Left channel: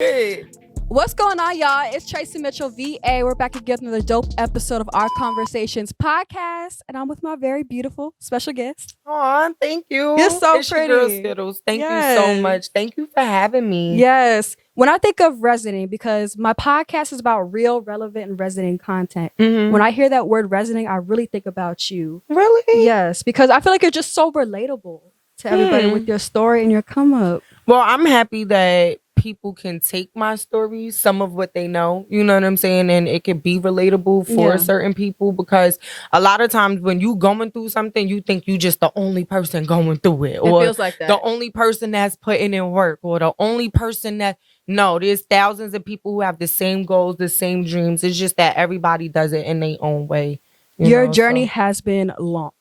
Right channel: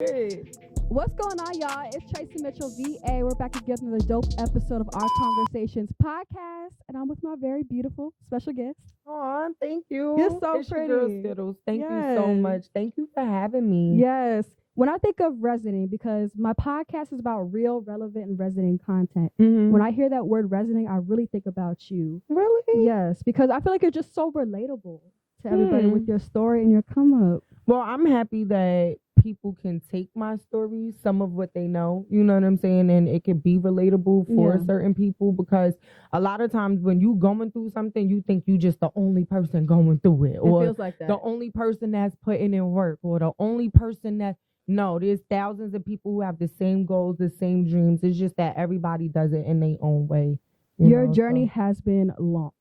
Hey. What's going on, y'all? It's Tracy Mitchell, VA. We're back again with another dope episode of Rconversations podcast, and I'm with my very beautiful special guest. Aw, thank you. You're so it's pretty. Your girl Skiddlez. Thank you Yes. so much. Thank you for having me. Yes. When I think of resonating, because my podcast is about real, relevant, and resonating content. Mhm. When I hear that word resonating, I really think about you. Really? Yes, because I feel like you're just so relatable to everybody with your story and your come up. Well, I'm happy that people can take my stories, some of what they know, you know what I'm saying? And it can be relatable for certain people, because a lot of times when you going through something, you think you just the only person going through it. Or feels like that. The only person that's putting in work, or the only person that, no, there's thousands of people who have the same goals, the same dreams. It's just that everybody does it in their own way. Your journey has been long.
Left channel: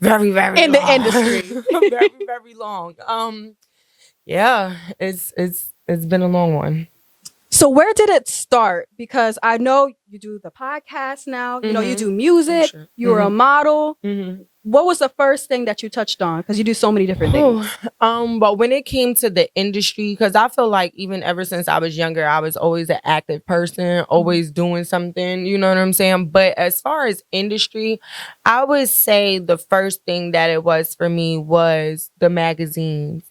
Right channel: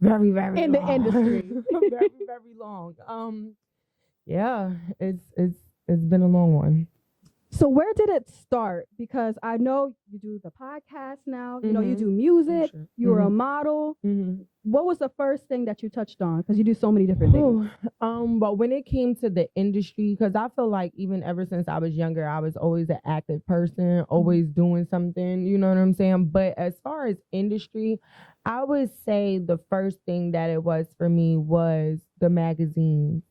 Very, very in long. The industry. Very, very long. Yeah, it's been a long one. So where did it start? Because I know you do the podcast now. You know, you do music. Sure. You were a model. What was the first thing that you touched on? Because you do so many different things. But when it came to the industry, because I feel like even ever since I was younger, I was always an active person, always doing something, you know what I'm saying? But as far as industry, I would say the first thing that it was for me was the magazines.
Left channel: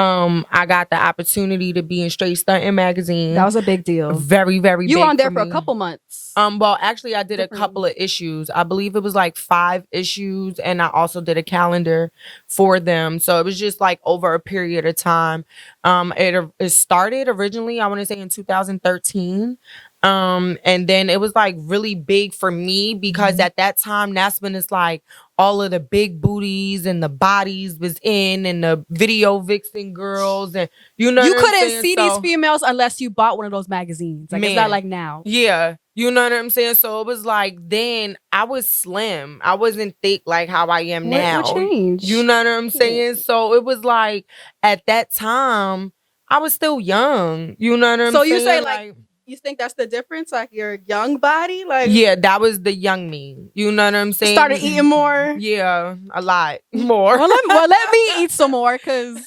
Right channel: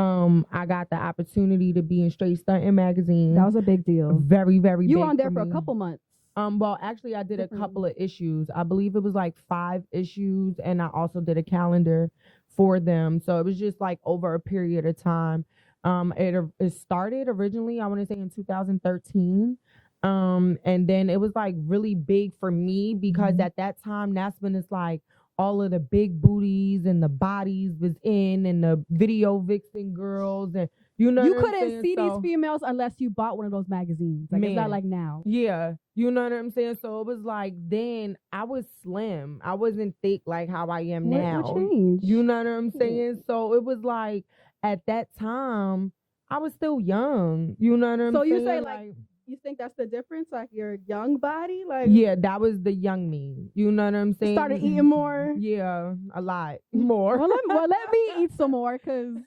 I got the opportunity to be in Straight Stuntin' magazine. That was a big deal. Very, very big. You were on there for a couple months. Well, actually, I did a couple of issues. I believe it was like 5 issues, and I also did a calendar for them. So it was just like over a period of time. It started originally, I want to say, in 2013. And then it was like really big for me because at that time, that's when it's like all of the big booties and the bodies was in, and the video vixen girls, and you know, you couldn't see these females unless you bought one of those magazines. Like, it's not like now. Yeah, you know what I'm saying. So it was like, then I was slim. I wasn't thick like how I am now. What changed? You know what I'm saying. So it was like at that time I was still young. You know what I'm saying. So you say like you think that's the difference? Like your young body? Like, yeah, that was the young me. You know what I'm saying? Started eating more? Yeah, a lot more. Well, let me eat some more, because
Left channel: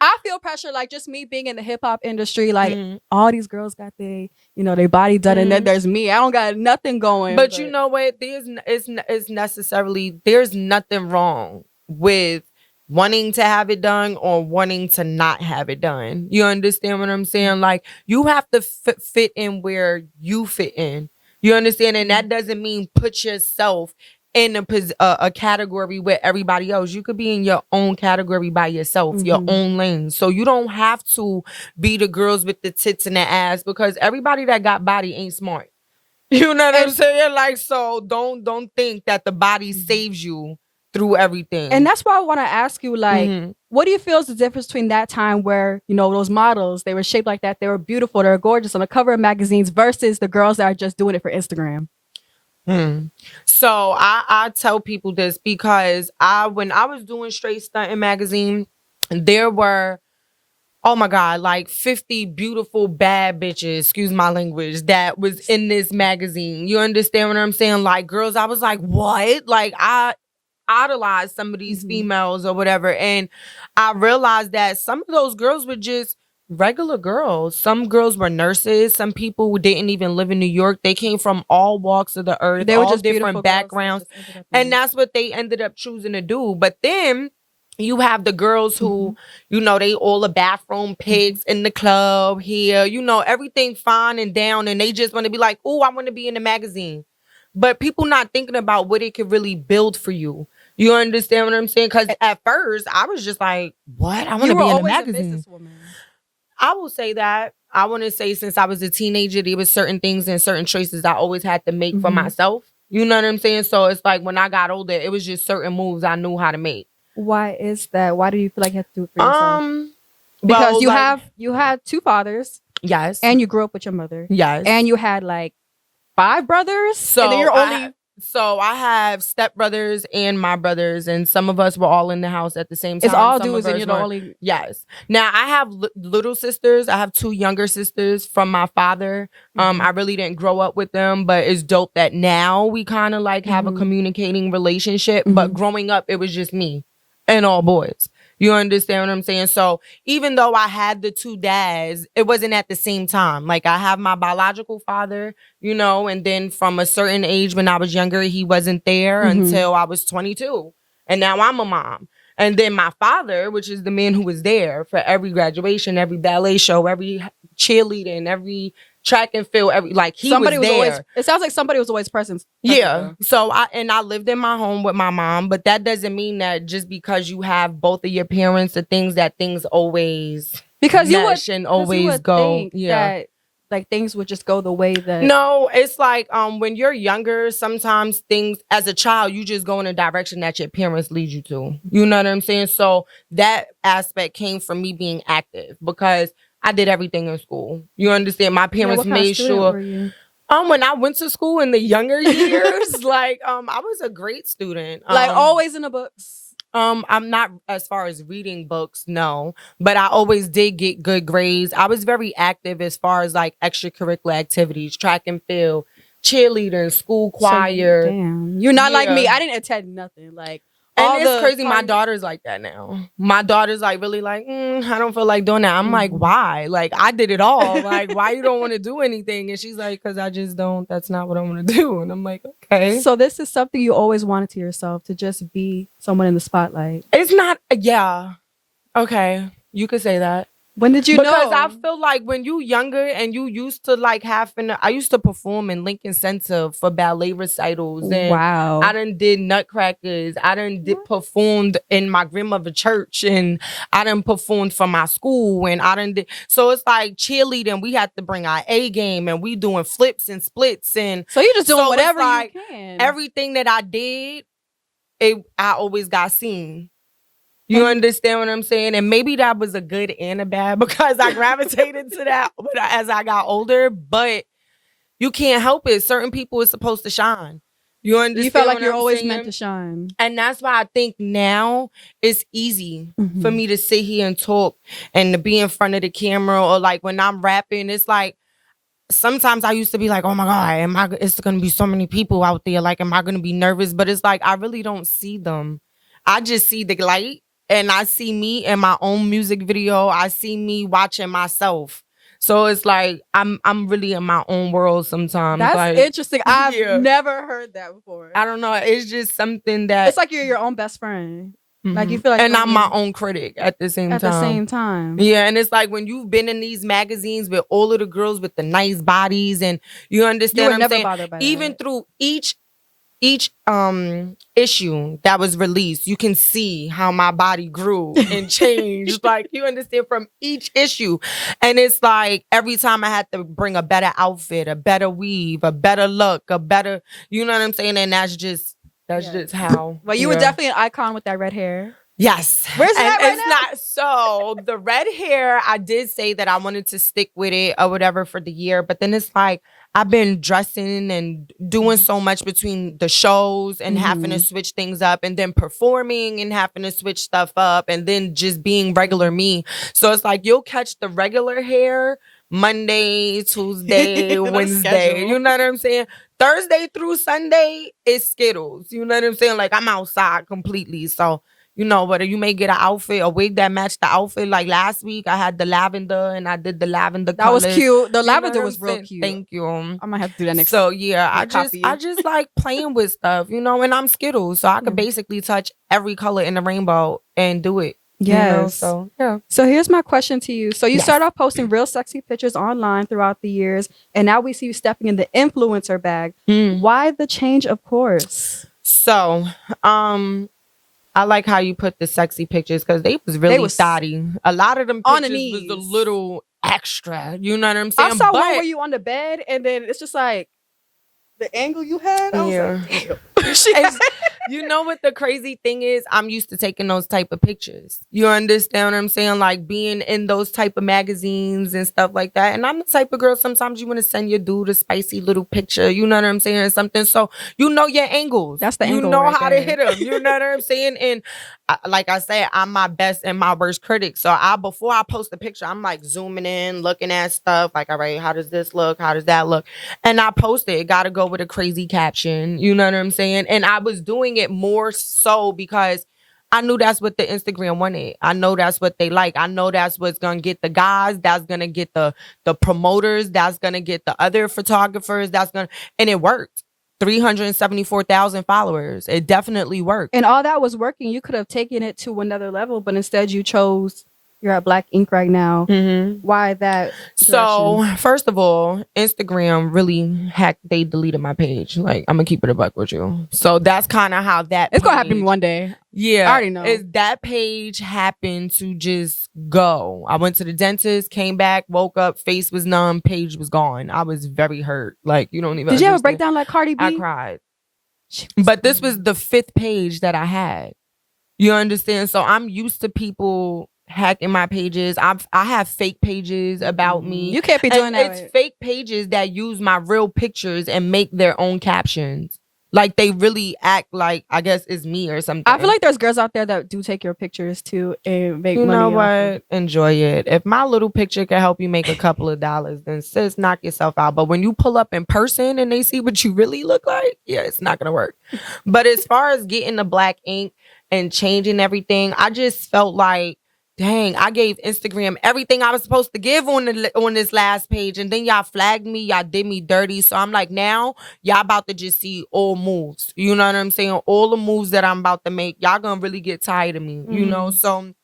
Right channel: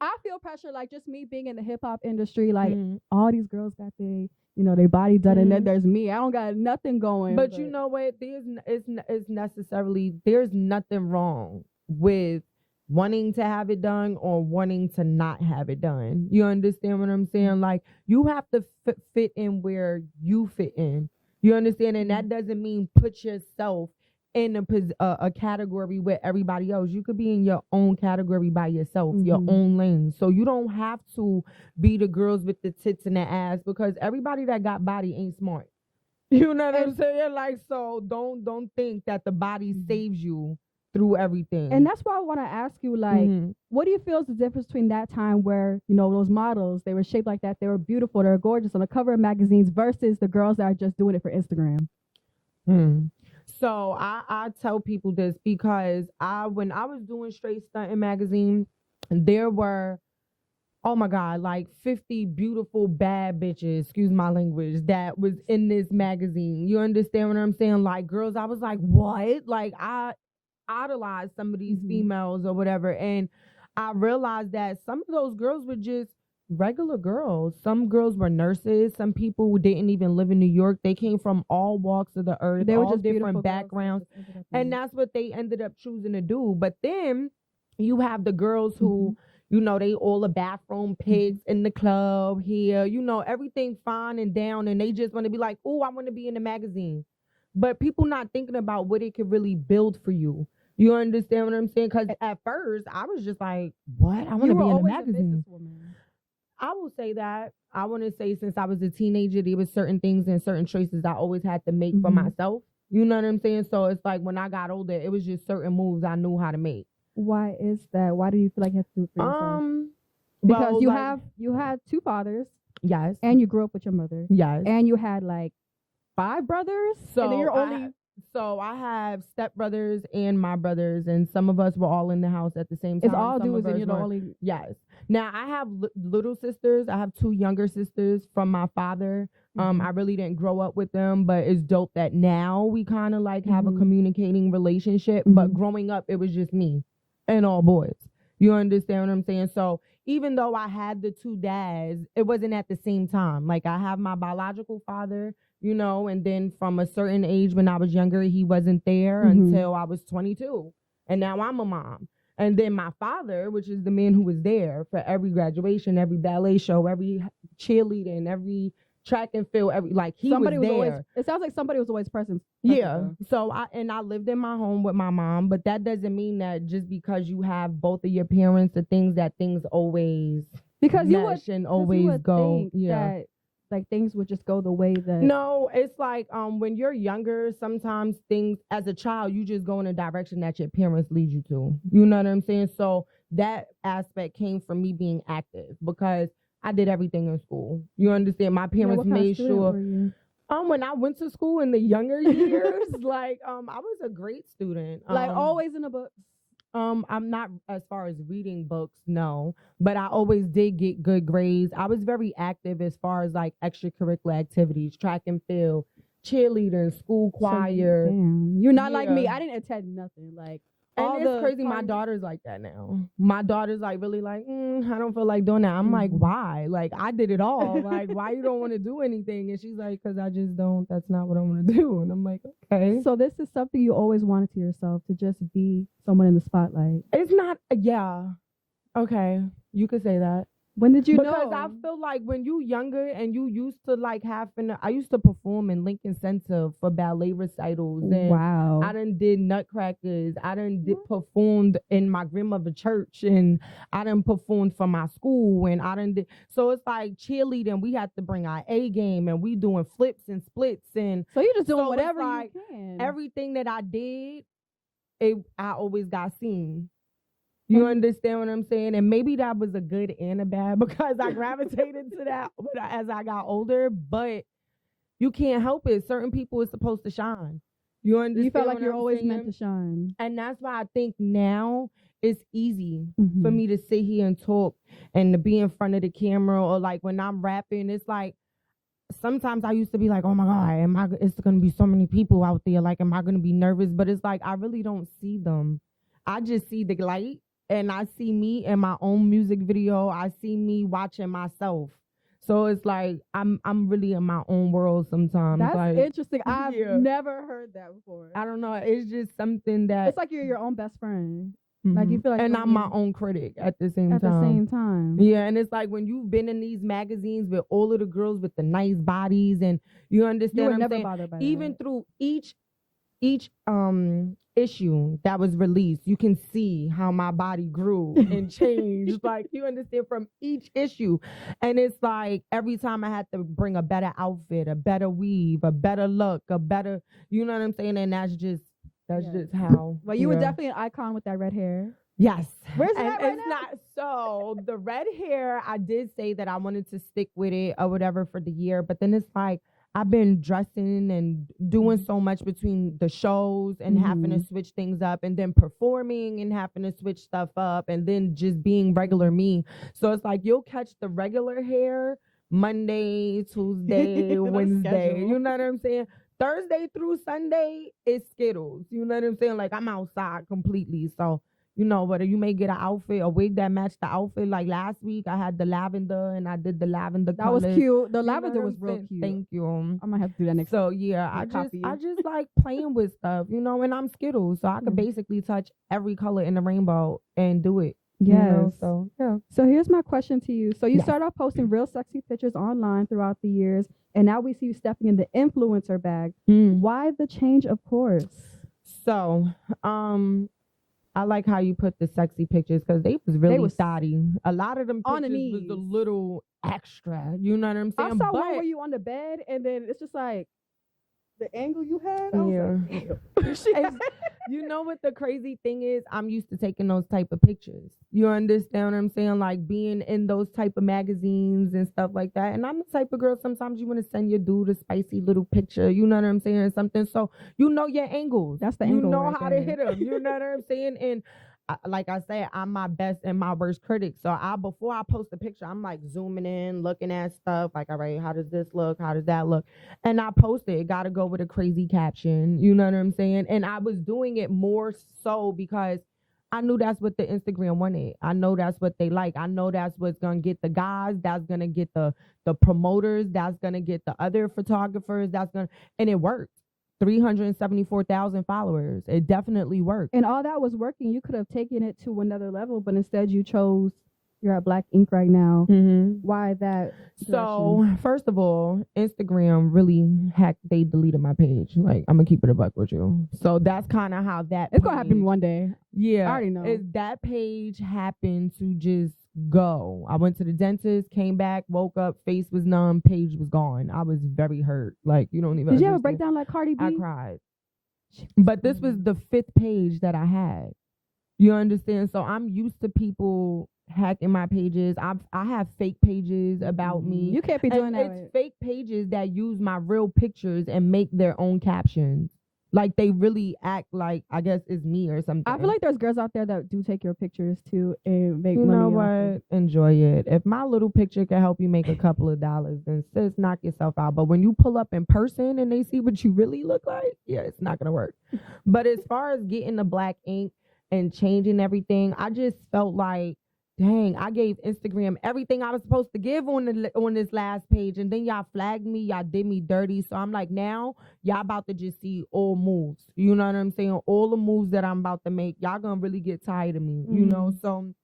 I feel pressure. Like, just me being in the hip hop industry, like all these girls got their body done, and then there's me. I don't got nothing going. But you know what? There's nothing wrong with wanting to have it done or wanting to not have it done. You understand what I'm saying? Like, you have to fit in where you fit in. You understand? And that doesn't mean put yourself in a category with everybody else. You could be in your own category by yourself, your own lane. So you don't have to be the girls with the tits and the ass, because everybody that got body ain't smart. You know what I'm saying? Like, so don't think that the body saves you through everything. And that's why I want to ask you, like, what do you feel is the difference between that time where, those models, they were shaped like that, they were beautiful, they were gorgeous on the cover of magazines, versus the girls that are just doing it for Instagram? So I tell people this because when I was doing Straight Stuntin' magazine, there were, oh my God, like 50 beautiful bad bitches, excuse my language, that was in this magazine. You understand what I'm saying? Like, girls, I was like, what? Like, I idolized some of these females or whatever. And I realized that some of those girls were just regular girls. Some girls were nurses. Some people who didn't even live in New York. They came from all walks of the earth. They were just different backgrounds. And that's what they ended up choosing to do. But then you have the girls who, they all the bathroom pigs in the club here, everything fine and down. And they just want to be like, oh, I want to be in the magazine. But people not thinking about what it could really build for you. You understand what I'm saying? Because at first, I was just like, what? I want to be in a magazine. I will say that. I want to say, since I was a teenager, there was certain things and certain choices I always had to make for myself. You know what I'm saying? So it's like, when I got older, it was just certain moves I knew how to make. Why is that? Why do you feel like you have to do it for yourself? Because you had 2 fathers. Yes. And you grew up with your mother. Yes. And you had like 5 brothers. So and then you're only... I have stepbrothers and my brothers, and some of us were all in the house at the same time. It's all dudes, and you're the only... Yes. Now, I have little sisters. I have 2 younger sisters from my father. I really didn't grow up with them, but it's dope that now we kind of like have a communicating relationship. But growing up, it was just me and all boys. You understand what I'm saying? So even though I had the two dads, it wasn't at the same time. Like I have my biological father, you know, and then from a certain age when I was younger, he wasn't there until I was 22. And now I'm a mom. And then my father, which is the man who was there for every graduation, every ballet show, every cheerleading, every track and field, every like somebody was there. Always, it sounds like somebody was always present. Yeah. So I lived in my home with my mom, but that doesn't mean that just because you have both of your parents, things always mesh and always go. That like things would just go the way that. No, it's like when you're younger, sometimes things as a child, you just go in a direction that your parents lead you to. You know what I'm saying? So that aspect came from me being active because I did everything in school. You understand? My parents made sure. When I went to school in the younger years, like I was a great student. Like always in the books. I'm not as far as reading books, no, but I always did get good grades. I was very active as far as like extracurricular activities, track and field, cheerleading, school choir. So, damn, you're not like me. I didn't attend nothing. Like. And it's crazy. My daughter's like that now. My daughter's like really like, I don't feel like doing that. I'm like, why? Like I did it all. Like, why you don't want to do anything? And she's like, because I just don't. That's not what I want to do. And I'm like, okay. So this is something you always wanted to yourself, to just be someone in the spotlight. It's not. Yeah. Okay. You could say that. When did you know? Because I feel like when you younger and you used to like I used to perform in Lincoln Center for ballet recitals. And wow. I done did Nutcrackers. I done performed in my grandmother's church, and I done performed for my school, and I done did. So it's like cheerleading. We had to bring our A game, and we doing flips and splits, and so you just doing whatever like you can. Everything that I did, I always got seen. You understand what I'm saying? And maybe that was a good and a bad because I gravitated to that as I got older. But you can't help it. Certain people are supposed to shine. You understand? You felt like you're always meant to shine. And that's why I think now it's easy for me to sit here and talk and to be in front of the camera, or like when I'm rapping, it's like sometimes I used to be like, oh my God, it's going to be so many people out there. Like, am I going to be nervous? But it's like, I really don't see them. I just see the light. And I see me in my own music video. I see me watching myself. So it's like I'm really in my own world sometimes. That's like, interesting. I've never heard that before. I don't know. It's just something that it's like you're your own best friend. Like you feel like, and I'm my own critic at the same time. Yeah, and it's like when you've been in these magazines with all of the girls with the nice bodies, and you understand what I'm saying. Bothered by even that. Through each issue that was released, you can see how my body grew and changed. Like, you understand, from each issue. And it's like every time I had to bring a better outfit, a better weave, a better look, a better, you know what I'm saying? And that's just how. Well, you were definitely an icon with that red hair. Yes. Where's that right now? Not so. The red hair, I did say that I wanted to stick with it or whatever for the year, but then it's like I've been dressing and doing so much between the shows and having to switch things up, and then performing and having to switch stuff up, and then just being regular me. So it's like you'll catch the regular hair Monday, Tuesday, Wednesday. You know what I'm saying? Thursday through Sunday is Skiddlez. You know what I'm saying? Like, I'm outside completely. So, you know, whether you may get an outfit, a wig that matched the outfit. Like last week, I had the lavender and I did the lavender colors. That was cute. The lavender was real cute. Thank you. I might have to do that next. So yeah, I just like playing with stuff, you know, and I'm Skiddlez. So I could basically touch every color in the rainbow and do it. Yes. You know? So yeah. So here's my question to you. So you start off posting real sexy pictures online throughout the years, and now we see you stepping in the influencer bag. Why the change of course? So, I like how you put the sexy pictures because they was really thotty. A lot of them pictures was a little extra. You know what I'm saying? I saw one where you on the bed, and then it's just like the angle you had. I was like, you know what the crazy thing is? I'm used to taking those type of pictures. You understand what I'm saying? Like being in those type of magazines and stuff like that. And I'm the type of girl, sometimes you want to send your dude a spicy little picture. You know what I'm saying? Or something. So you know your angles. That's the angle. You know right how there. to hit them. You know what I'm saying? And like I said, I'm my best and my worst critic. So before I post a picture, I'm like zooming in, looking at stuff. Like, all right, how does this look? How does that look? And I post it. It got to go with a crazy caption. You know what I'm saying? And I was doing it more so because I knew that's what the Instagram wanted. I know that's what they like. I know that's what's gonna get the guys. That's gonna get the promoters. That's gonna get the other photographers. And it worked. 374,000 followers. It definitely worked. And all that was working. You could have taken it to another level, but instead you chose. You're at Black Ink right now. Mm-hmm. Why that? So, first of all, Instagram really hacked. They deleted my page. Like, I'm gonna keep it a buck with you. So that's kind of how that. It's gonna happen to me one day. Yeah, I already know. That page happened to just go. I went to the dentist, came back, woke up, face was numb, page was gone. I was very hurt. Like, you don't even. Did you have a breakdown like Cardi B? I cried. But this was the 5th page that I had. You understand? So I'm used to people hacking my pages. I have fake pages about me. You can't be doing that. It's fake pages that use my real pictures and make their own captions. Like they really act like, I guess it's me or something. I feel like there's girls out there that do take your pictures too and make money. You know what? Enjoy it. If my little picture can help you make a couple of dollars, then sis, knock yourself out. But when you pull up in person and they see what you really look like, yeah, it's not gonna work. But as far as getting the Black Ink and changing everything, I just felt like, dang, I gave Instagram everything I was supposed to give on this last page, and then y'all flagged me, y'all did me dirty. So I'm like, now y'all about to just see all moves. You know what I'm saying? All the moves that I'm about to make, y'all gonna really get tired of me. You know? So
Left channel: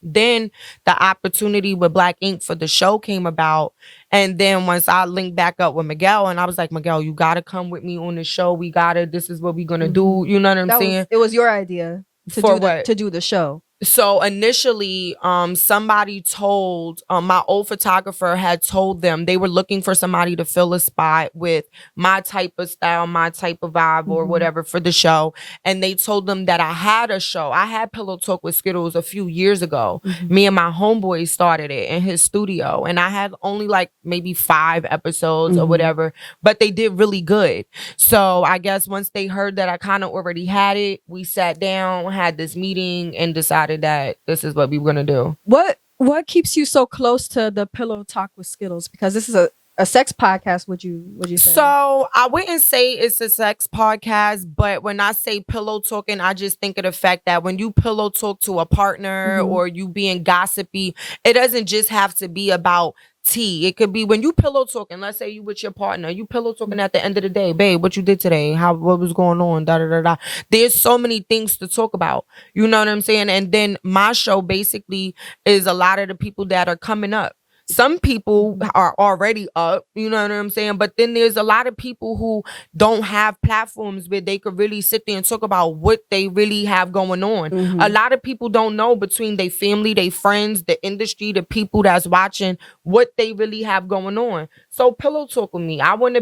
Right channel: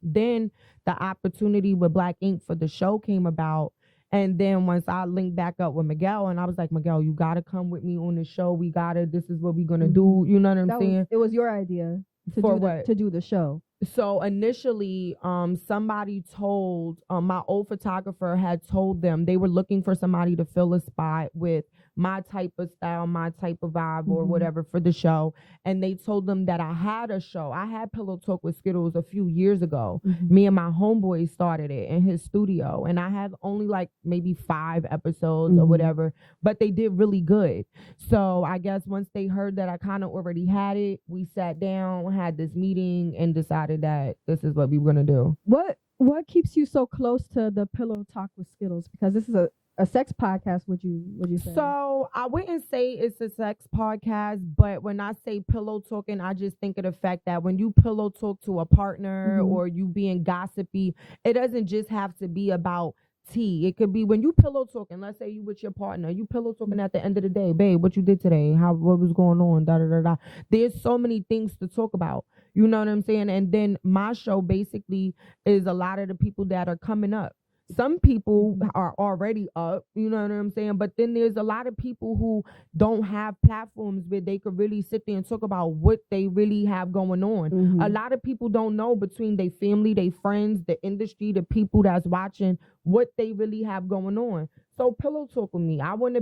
then the opportunity with Black Ink for the show came about. And then once I linked back up with Miguel, and I was like, Miguel, you gotta come with me on the show. This is what we gonna do. You know what I'm saying? It was your idea to do the show. So initially, somebody told, my old photographer had told them they were looking for somebody to fill a spot with my type of style, my type of vibe or whatever for the show. And they told them that I had a show. I had Pillow Talk with Skiddlez a few years ago. Me and my homeboy started it in his studio. And I had only like maybe 5 episodes or whatever, but they did really good. So I guess once they heard that I kind of already had it, we sat down, had this meeting and decided that this is what we were gonna do. What keeps you so close to the Pillow Talk with Skiddlez? Because this is a sex podcast, would you say? So I wouldn't say it's a sex podcast, but when I say pillow talking, I just think of the fact that when you pillow talk to a partner or you being gossipy, it doesn't just have to be about tea. It could be when you pillow talking, let's say you with your partner, you pillow talking at the end of the day, babe, what you did today, what was going on, da da da da. There's so many things to talk about. You know what I'm saying? And then my show basically is a lot of the people that are coming up. Some people are already up, you know what I'm saying? But then there's a lot of people who don't have platforms where they could really sit there and talk about what they really have going on. A lot of people don't know between their family, their friends, the industry, the people that's watching, what they really have going on. So pillow talk with me. I want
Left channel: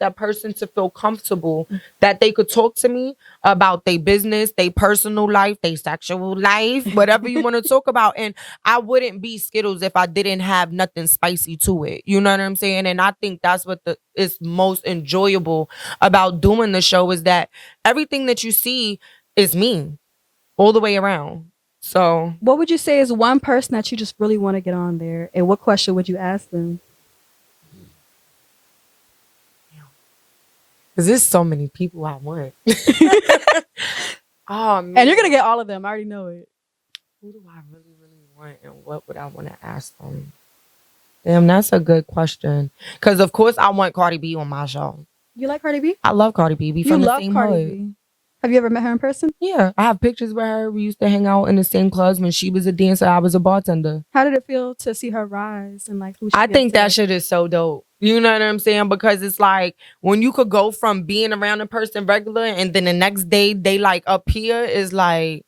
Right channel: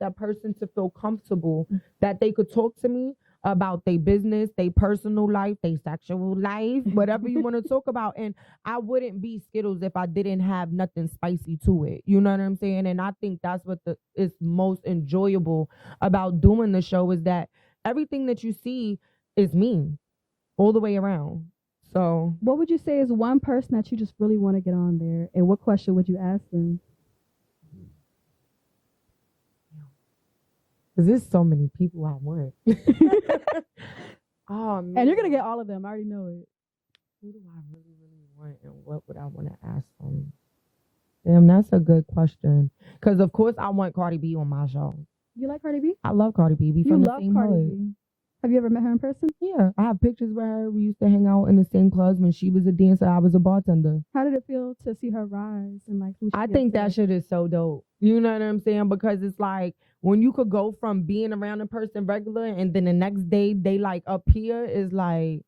that person to feel comfortable that they could talk to me about their business, their personal life, their sexual life, whatever you want to talk about. And I wouldn't be Skiddlez if I didn't have nothing spicy to it. You know what I'm saying? And I think that's what is most enjoyable about doing the show is that everything that you see is me all the way around. So what would you say is one person that you just really want to get on there? And what question would you ask them? Because there's so many people I want. Oh, man. And you're going to get all of them. I already know it. Who do I really, really want and what would I want to ask them? Damn, that's a good question. Because, of course, I want Cardi B on my show. You like Cardi B? I love Cardi B. We from the same Cardi hood. B. Have you ever met her in person? Yeah, I have pictures with her. We used to hang out in the same clubs when she was a dancer. I was a bartender. How did it feel to see her rise and like who she I is think today? that shit is so dope. You know what I'm saying? Because it's like when you could go from being around a person regular and then the next day they like up here is like,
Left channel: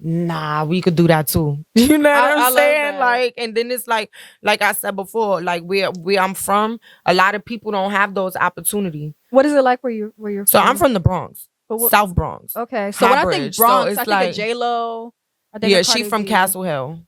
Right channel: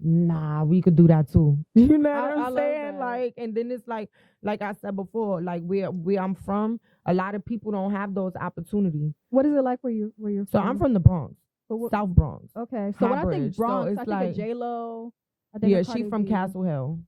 nah, we could do that too. You know what I'm saying? Like, and then it's like I said before, like where I'm from, a lot of people don't have those opportunities. What is it like where you're from? So I'm from the Bronx. South Bronx. Okay. So when I think Bronx, so I think of J-Lo. Yeah, she's from Castle Hill.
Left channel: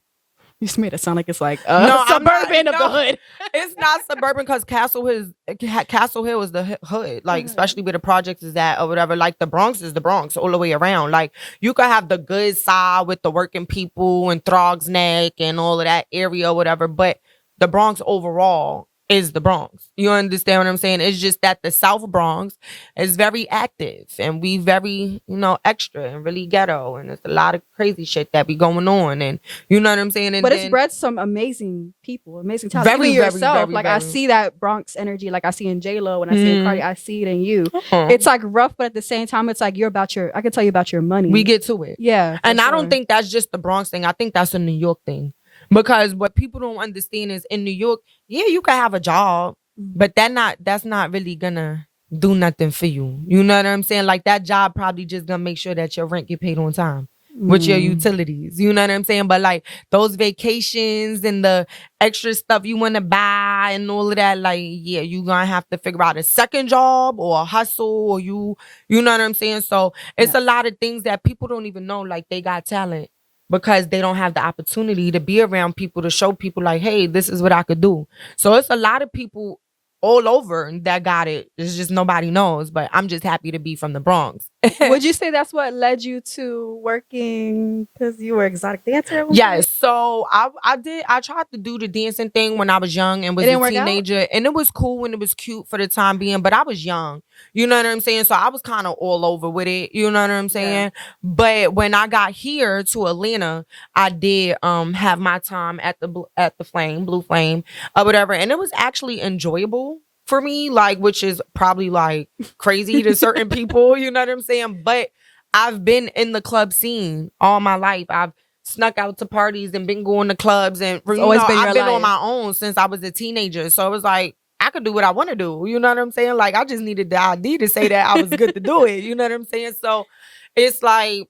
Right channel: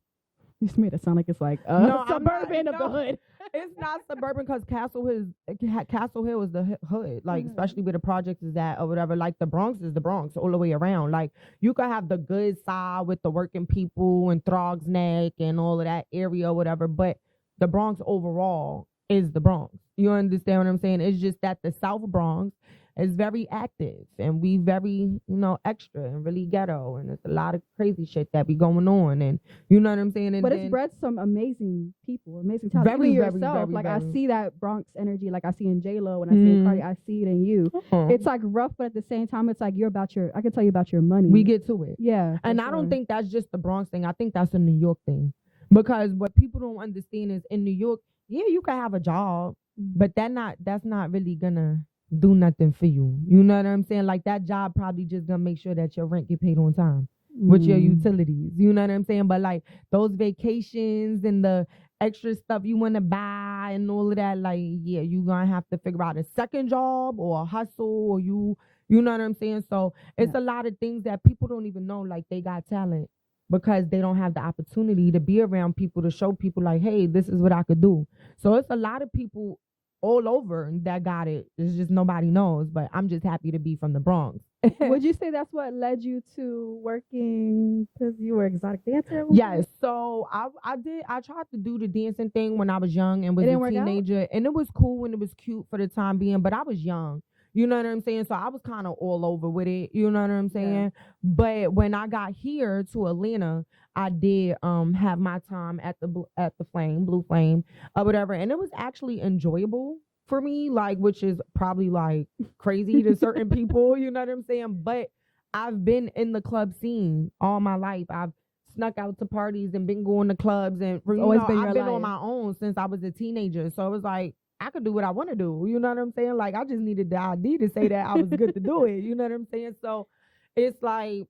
You just made it sound like it's like suburban of the hood. It's not suburban because Castle Hill is the hood, like especially where the projects is at or whatever. Like the Bronx is the Bronx all the way around. Like you could have the good side with the working people and Throgs Neck and all of that area or whatever, but the Bronx overall is the Bronx. You understand what I'm saying? It's just that the South Bronx is very active and we very, extra and really ghetto. And there's a lot of crazy shit that be going on. And you know what I'm saying? And but it's bred some amazing people, amazing talent. Very, Even very, yourself. very, like very. I see that Bronx energy, like I see in J-Lo, when I see in Cardi, I see it in you. It's like rough, but at the same time, it's like I can tell you about your money. We get to it. Yeah. And I don't think that's just the Bronx thing. I think that's a New York thing. Because what people don't understand is in New York, yeah, you can have a job, but that's not really gonna do nothing for you. You know what I'm saying? Like that job probably just gonna make sure that your rent get paid on time with your utilities. You know what I'm saying? But like those vacations and the extra stuff you want to buy and all of that, like, yeah, you gonna have to figure out a second job or a hustle or you know what I'm saying? So it's a lot of things that people don't even know, like they got talent. Because they don't have the opportunity to be around people to show people like, hey, this is what I could do. So it's a lot of people all over that got it. It's just nobody knows. But I'm just happy to be from the Bronx. Would you say that's what led you to working because you were exotic dancer? Yes. So I tried to do the dancing thing when I was young and was a teenager. And it was cool and it was cute for the time being. But I was young. You know what I'm saying? So I was kind of all over with it. You know what I'm saying? Yeah. But when I got here to Atlanta, I did have my time at the Blue Flame, or whatever. And it was actually enjoyable for me, like, which is probably like crazy to certain people. You know what I'm saying? But I've been in the club scene all my life. I've snuck out to parties and been going to clubs. And I've been on my own since I was a teenager. So it was like, I could do what I want to do. You know what I'm saying? Like, I just needed the ID to say that I was good to do it. You know what I'm saying? So it's like,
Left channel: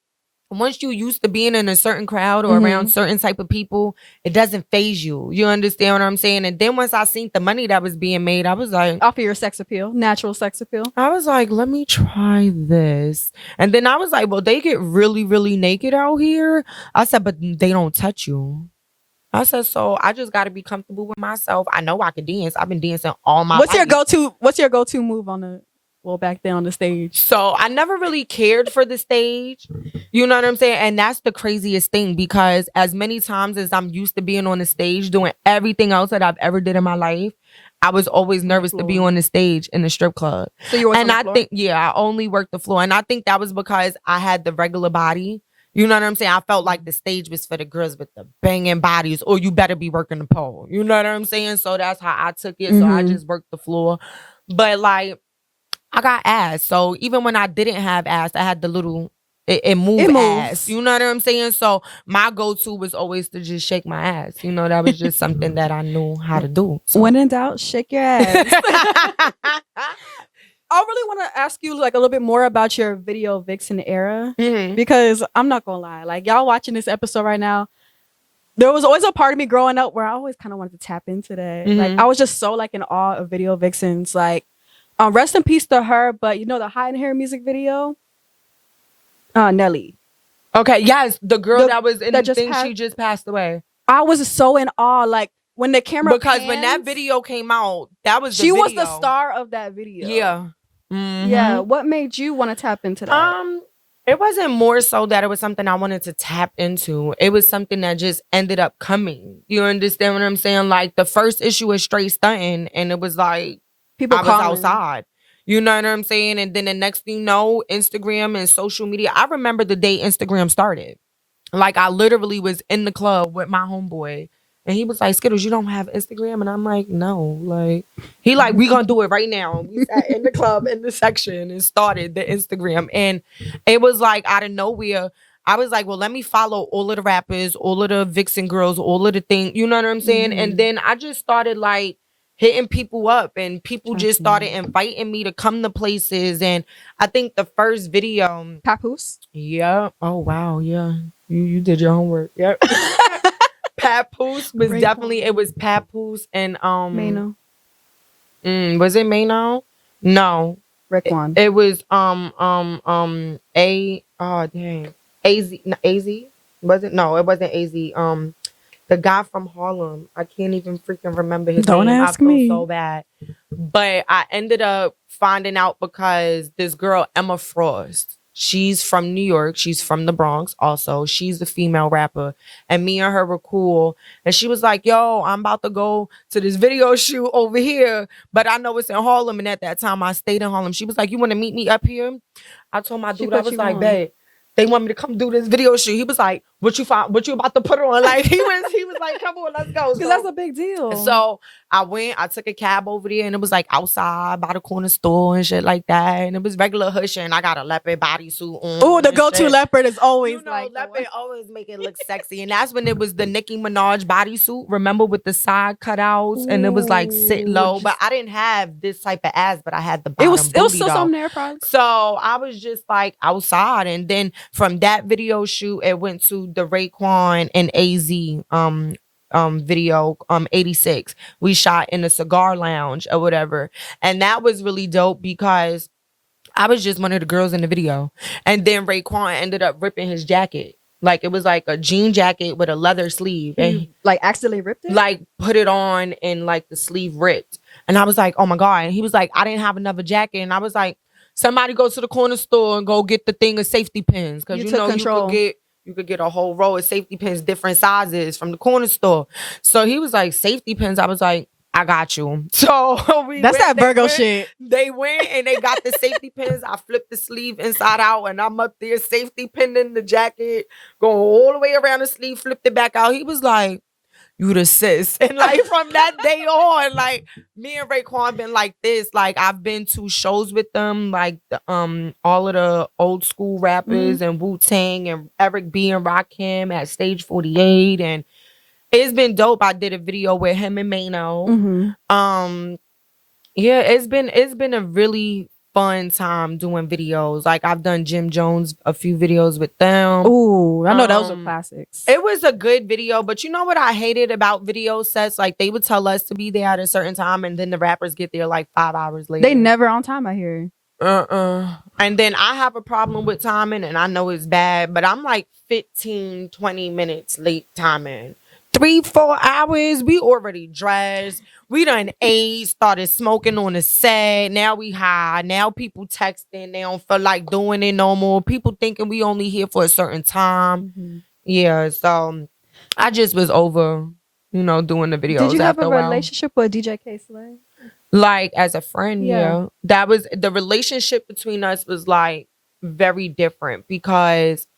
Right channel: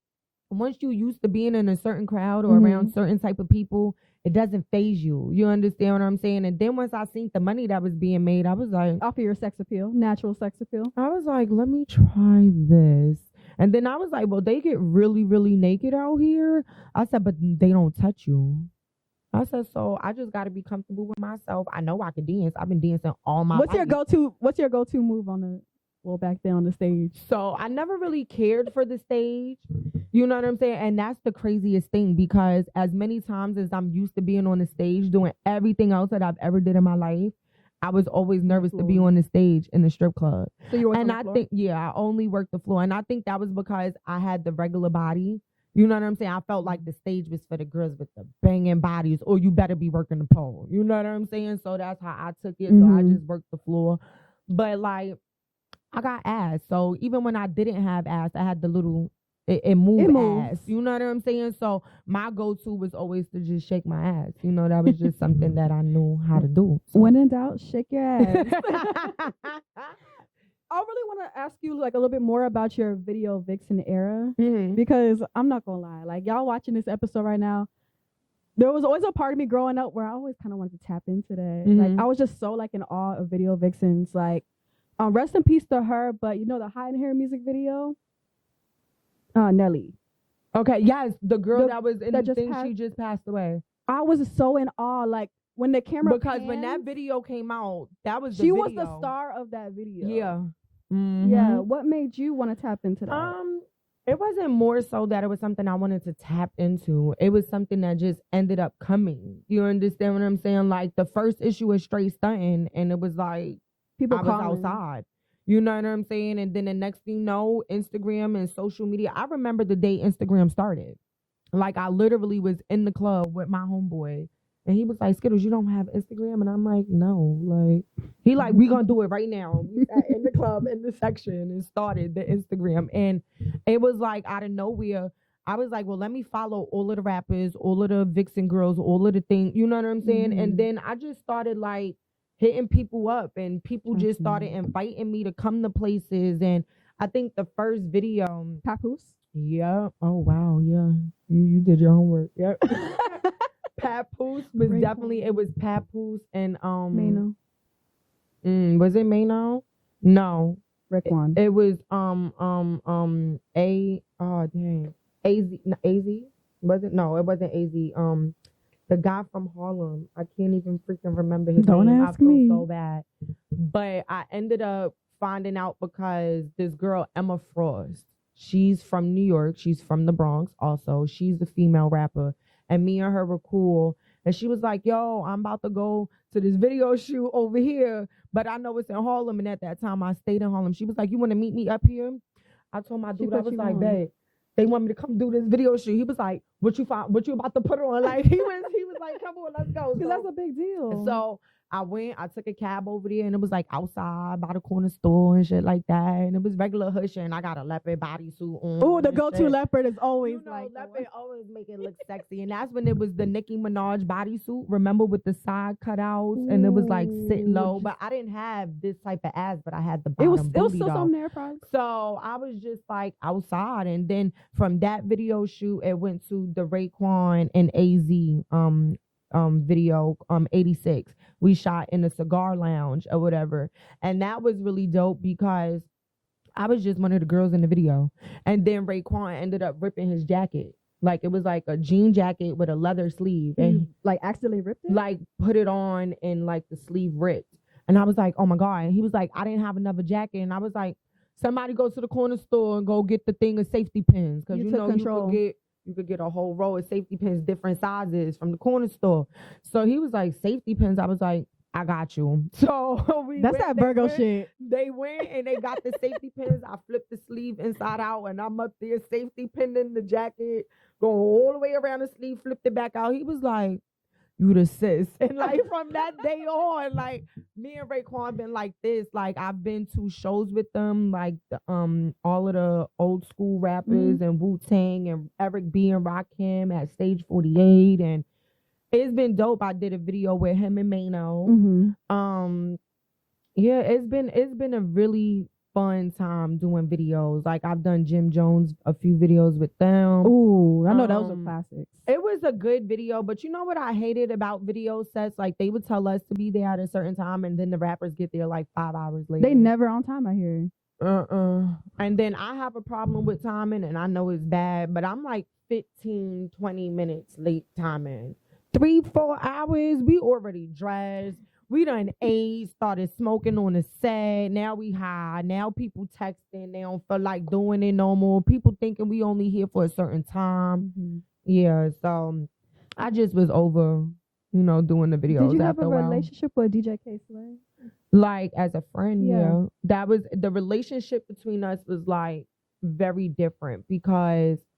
once you used to being in a certain crowd or around certain type of people, it doesn't phase you. You understand what I'm saying? And then once I seen the money that was being made, I was like, off of your sex appeal, natural sex appeal. I was like, let me try this. And then I was like, well, they get really, really naked out here. I said, but they don't touch you. I said, so I just got to be comfortable with myself. I know I can dance. I've been dancing all my life. What's your go-to move back then on the stage? So I never really cared for the stage. You know what I'm saying? And that's the craziest thing, because as many times as I'm used to being on the stage doing everything else that I've ever did in my life, I was always nervous to be on the stage in the strip club. So you were on the floor? I only worked the floor. And I think that was because I had the regular body. You know what I'm saying? I felt like the stage was for the girls with the banging bodies, or you better be working the pole. You know what I'm saying? So that's how I took it. So I just worked the floor. But like, I got ass. So even when I didn't have ass, I had the little, it moved ass. You know what I'm saying? So my go-to was always to just shake my ass. You know, that was just something that I knew how to do. So. When in doubt, shake your ass. I really want to ask you like a little bit more about your video vixen era, because I'm not gonna lie, like y'all watching this episode right now, there was always a part of me growing up where I always kind of wanted to tap into that. Like I was just so like in awe of video vixens. Like, rest in peace to her, but you know the Hide and Hair music video, Nelly. Okay, yes, the girl that was in the thing, she just passed away. I was so in awe, like. When the camera when that video came out, that was she was the star of that video. Yeah. Yeah. What made you want to tap into that? It wasn't more so that it was something I wanted to tap into. It was something that just ended up coming. You understand what I'm saying? Like the first issue was straight stunting, and it was like people I was outside. You know what I'm saying? And then the next thing you know, Instagram and social media. I remember the day Instagram started. Like I literally was in the club with my homeboy. And he was like, Skiddlez, you don't have Instagram? And I'm like, no. Like, he like, we gonna do it right now. We sat in the club in the section and started the Instagram. And it was like out of nowhere, I was like, well, let me follow all of the rappers, all of the vixen girls, all of the things. You know what I'm saying? And then I just started like hitting people up, and people just started inviting me to come to places. And I think the first video, Papoose. Yeah. Oh wow. Yeah. You did your homework. Yep. Papoose was definitely, it was Papoose and Mano. Was it Mano? No. Raekwon. It was AZ. Was it? No, it wasn't AZ. The guy from Harlem. I can't even freaking remember his name. Don't ask me. I feel so bad. But I ended up finding out because this girl, Emma Frost, She's from New York. She's from the Bronx also. She's the female rapper. And me and her were cool. And she was like, yo, I'm about to go to this video shoot over here, but I know it's in Harlem. And at that time, I stayed in Harlem. She was like, you want to meet me up here? I told my dude, I was like, babe, they want me to come do this video shoot. He was like, what you about to put on? Like, he was like, come on, let's go. Because that's a big deal. So I took a cab over there, and it was like outside by the corner store and shit like that. And it was regular hush, and I got a leopard bodysuit on. Oh, the go-to leopard is always leopard always make it look sexy. And that's when it was the Nicki Minaj bodysuit, remember, with the side cutouts. And it was like sit low. But I didn't have this type of ass, but I had the bottom it was still though. something there, probably. So I was just like outside. And then from that video shoot, it went to the Raekwon and AZ video 86. We shot in a cigar lounge or whatever, and that was really dope because I was just one of the girls in the video. And then Raekwon ended up ripping his jacket. Like, it was like a jean jacket with a leather sleeve, and like accidentally ripped it, like put it on and like the sleeve ripped. And I was like, oh my God. And he was like, I didn't have another jacket. And I was like, somebody go to the corner store and go get the thing of safety pins, because you know control. You could get a whole row of safety pins, different sizes, from the corner store. So he was like, safety pins. I was like, I got you. So that's that Virgo shit. They went and they got the safety pins. I flipped the sleeve inside out, and I'm up there safety pinning the jacket, going all the way around the sleeve, flipped it back out. He was like, you the sis. And like from that day on, like me and Raekwon been like this. Like, I've been to shows with them, like all of the old school rappers and Wu-Tang and Eric B and Rakim at Stage 48, and it's been dope. I did a video with him and Mano. Yeah, it's been a really fun time doing videos. Like, I've done Jim Jones a few videos with them. Ooh, I know those are classics. It was a good video, but you know what I hated about video sets? Like, they would tell us to be there at a certain time, and then the rappers get there like 5 hours later. They never on time, I hear. And then I have a problem with timing, and I know it's bad, but I'm like 15, 20 minutes late timing. 3-4 hours, we already dressed. We done ate, started smoking on the set. Now we high. Now people texting. They don't feel like doing it no more. People thinking we only here for a certain time. Yeah, so I just was over, doing the videos. Did you have after a relationship with DJ K-Slay? Like, as a friend, yeah. That was, the relationship between us was like very different because,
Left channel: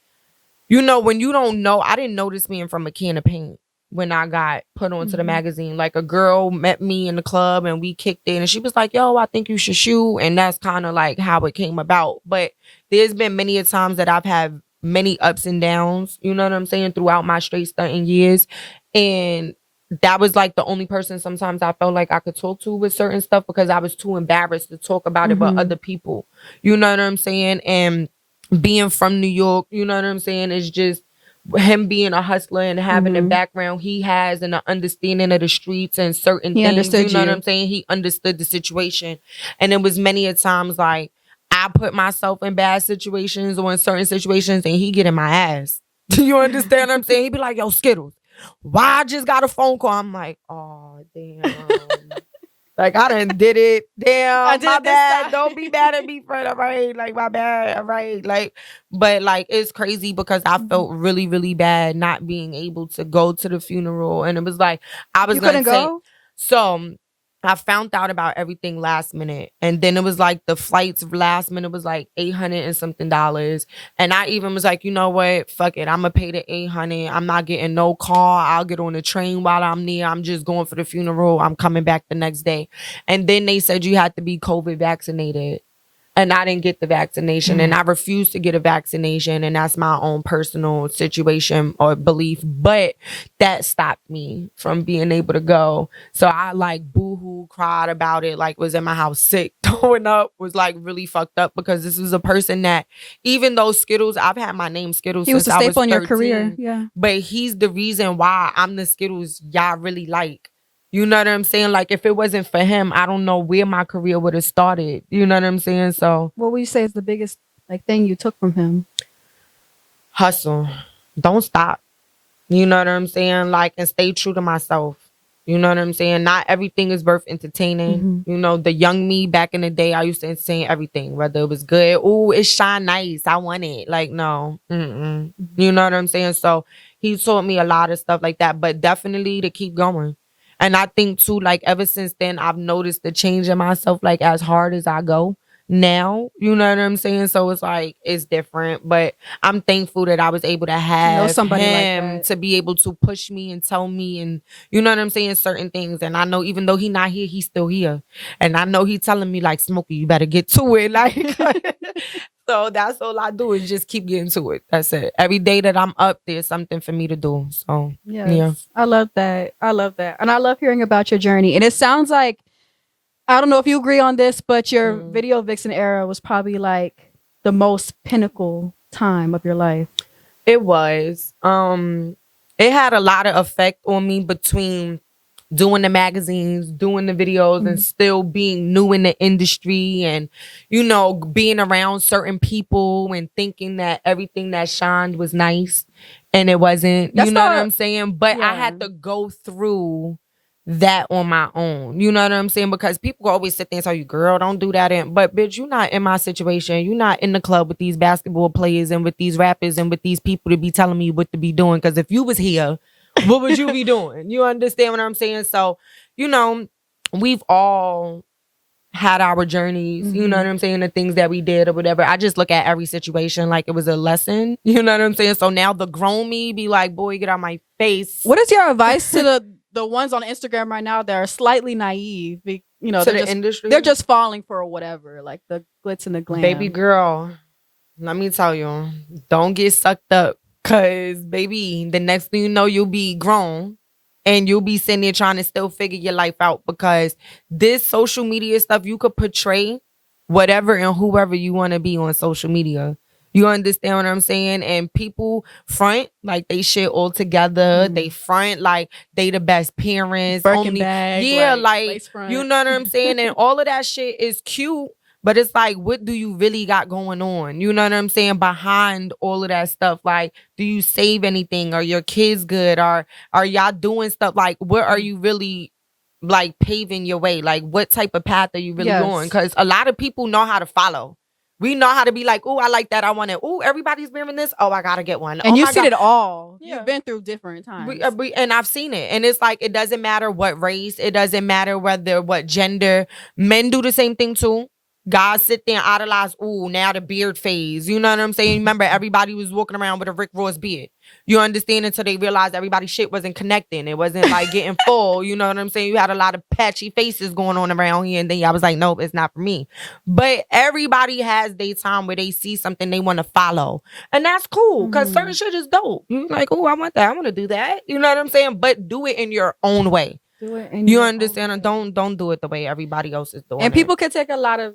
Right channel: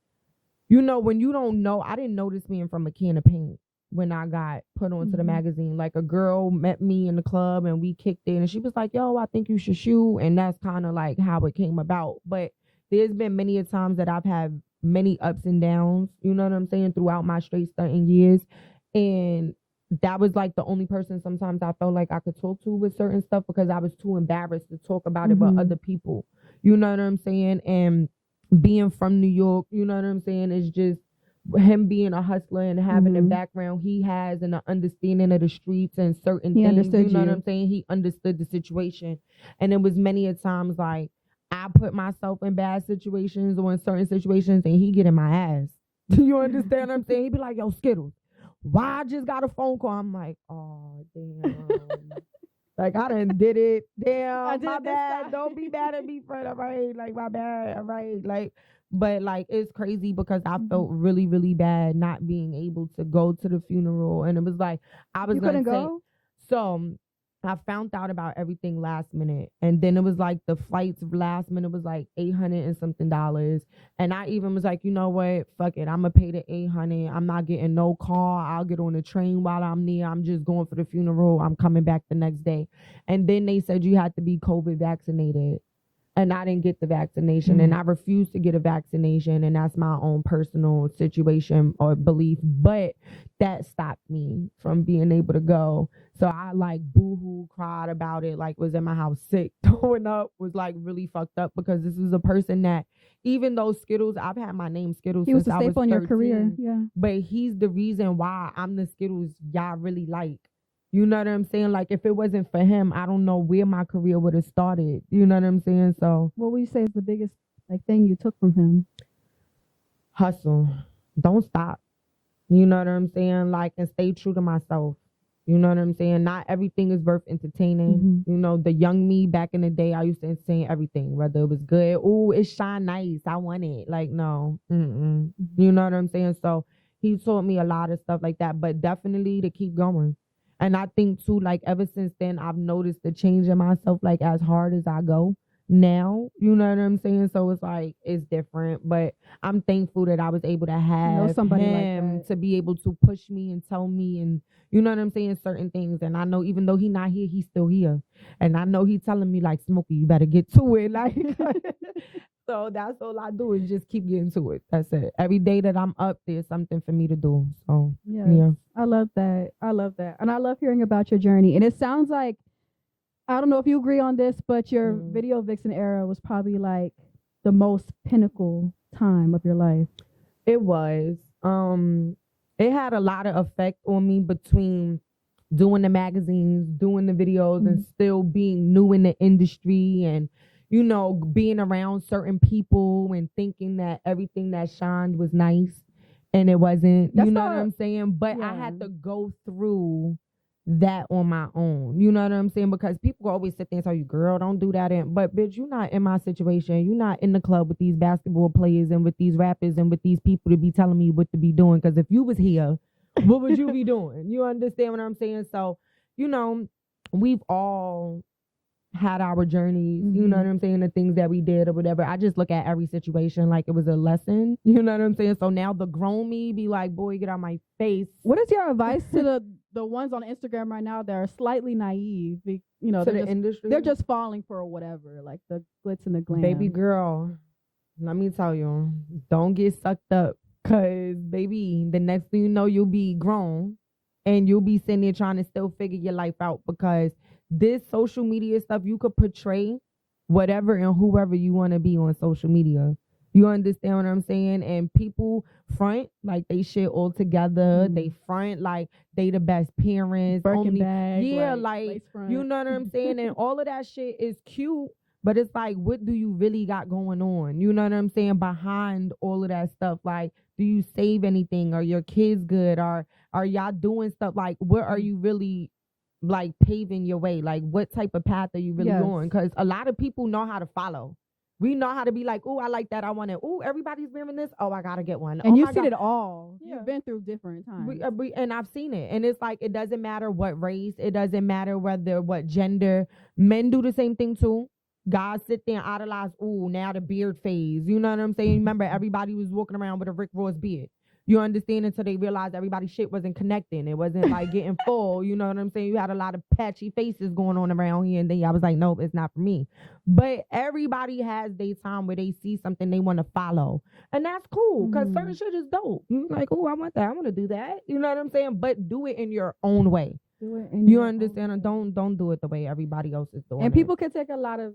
when you don't know, I didn't know this man from a can of paint. When I got put onto the magazine, like, a girl met me in the club and we kicked it, and she was like, yo, I think you should shoot. And that's kind of like how it came about. But there's been many a times that I've had many ups and downs, you know what I'm saying, throughout my straight stunting years. And that was like the only person sometimes I felt like I could talk to with certain stuff, because I was too embarrassed to talk about it with other people. You know what I'm saying? And being from New York, you know what I'm saying, is just him being a hustler and having the background he has and the understanding of the streets and certain things. You know what I'm saying? He understood the situation. And it was many a times like I put myself in bad situations or in certain situations, and he get in my ass. Do you understand what I'm saying? He be like, yo, Skiddlez, why I just got a phone call? I'm like, oh, damn. Like, I done did it. Damn, my bad. Don't be mad at me, friend. All right. Like, my bad. All right. Like, but like, it's crazy because I felt really, really bad not being able to go to the funeral. And it was like, I was going to go. So I found out about everything last minute. And then it was like the flights last minute was like $800 and something. And I even was like, you know what? Fuck it. I'm going to pay the $800. I'm not getting no car. I'll get on the train while I'm there. I'm just going for the funeral. I'm coming back the next day. And then they said you had to be COVID vaccinated. And I didn't get the vaccination, and I refused to get a vaccination, and that's my own personal situation or belief. But that stopped me from being able to go. So I like boohoo cried about it, like was in my house sick, throwing up, was like really fucked up, because this was a person that, even though Skiddlez, I've had my name Skiddlez he was since a staple I was 13, in your career, yeah. But he's the reason why I'm the Skiddlez y'all really like. You know what I'm saying? Like, if it wasn't for him, I don't know where my career would have started. You know what I'm saying? So, what would you say is the biggest thing you took from him? Hustle. Don't stop. You know what I'm saying? Like, and stay true to myself. You know what I'm saying? Not everything is worth entertaining. You know, the young me back in the day, I used to entertain everything, whether it was good. Oh, it shine nice. I want it. Like, no. You know what I'm saying? So he taught me a lot of stuff like that, but definitely to keep going. And I think too, like ever since then, I've noticed the change in myself, like as hard as I go now, you know what I'm saying? So it's like, it's different, but I'm thankful that I was able to have somebody him like to be able to push me and tell me, and you know what I'm saying, certain things. And I know even though he not here, he's still here. And I know he telling me like, Smokey, you better get to it. Like, so that's all I do is just keep getting to it. That's it. Every day that I'm up, there's something for me to do. So yeah. I love that. I love that. And I love hearing about your journey. And it sounds like, I don't know if you agree on this, but your video vixen era was probably like the most pinnacle time of your life. It was. It had a lot of effect on me between doing the magazines, doing the videos, and still being new in the industry, and you know, being around certain people and thinking that everything that shined was nice, and it wasn't. You know what I'm saying? But I had to go through that on my own. You know what I'm saying? Because people always sit there and tell you, girl, don't do that. But bitch, you're not in my situation. You're not in the club with these basketball players and with these rappers and with these people to be telling me what to be doing. Because if you was here, what would you be doing? You understand what I'm saying? So, you know, we've all had our journeys, you know what I'm saying, the things that we did or whatever. I just look at every situation like it was a lesson, you know what I'm saying? So now the grown me be like, boy, get out my face. What is your advice to the ones on Instagram right now that are slightly naive? You know, to the industry? They're just falling for whatever, like the glitz and the glam. Baby girl, let me tell you, don't get sucked up, because baby, the next thing you know, you'll be grown and you'll be sitting there trying to still figure your life out, because this social media stuff, you could portray whatever and whoever you want to be on social media. You understand what I'm saying? And people front like they shit all together. They front like they the best parents. Birkin bag, like you know what I'm saying? And all of that shit is cute, but it's like, what do you really got going on? You know what I'm saying? Behind all of that stuff, like, do you save anything? Are your kids good? Are y'all doing stuff? Like, what are you really like paving your way? Like, what type of path are you really on? Because a lot of people know how to follow. We know how to be like, oh, I like that. I want it. Oh, everybody's wearing this. Oh, I got to get one. And you've my seen God. it all. Yeah. You've been through different times. And I've seen it. And it's like, it doesn't matter what race. It doesn't matter what gender. Men do the same thing too. Guys sit there and idolize, ooh, now the beard phase. You know what I'm saying? Remember, everybody was walking around with a Rick Ross beard. You understand? Until they realized everybody's shit wasn't connecting. It wasn't like getting full. You know what I'm saying? You had a lot of patchy faces going on around here. And then I was like, nope, it's not for me. But everybody has their time where they see something they want to follow. And that's cool, because certain shit is dope. You're like, oh, I want that. I want to do that. You know what I'm saying? But do it in your own way. You understand? And don't do it the way everybody else is doing. And people can take a lot of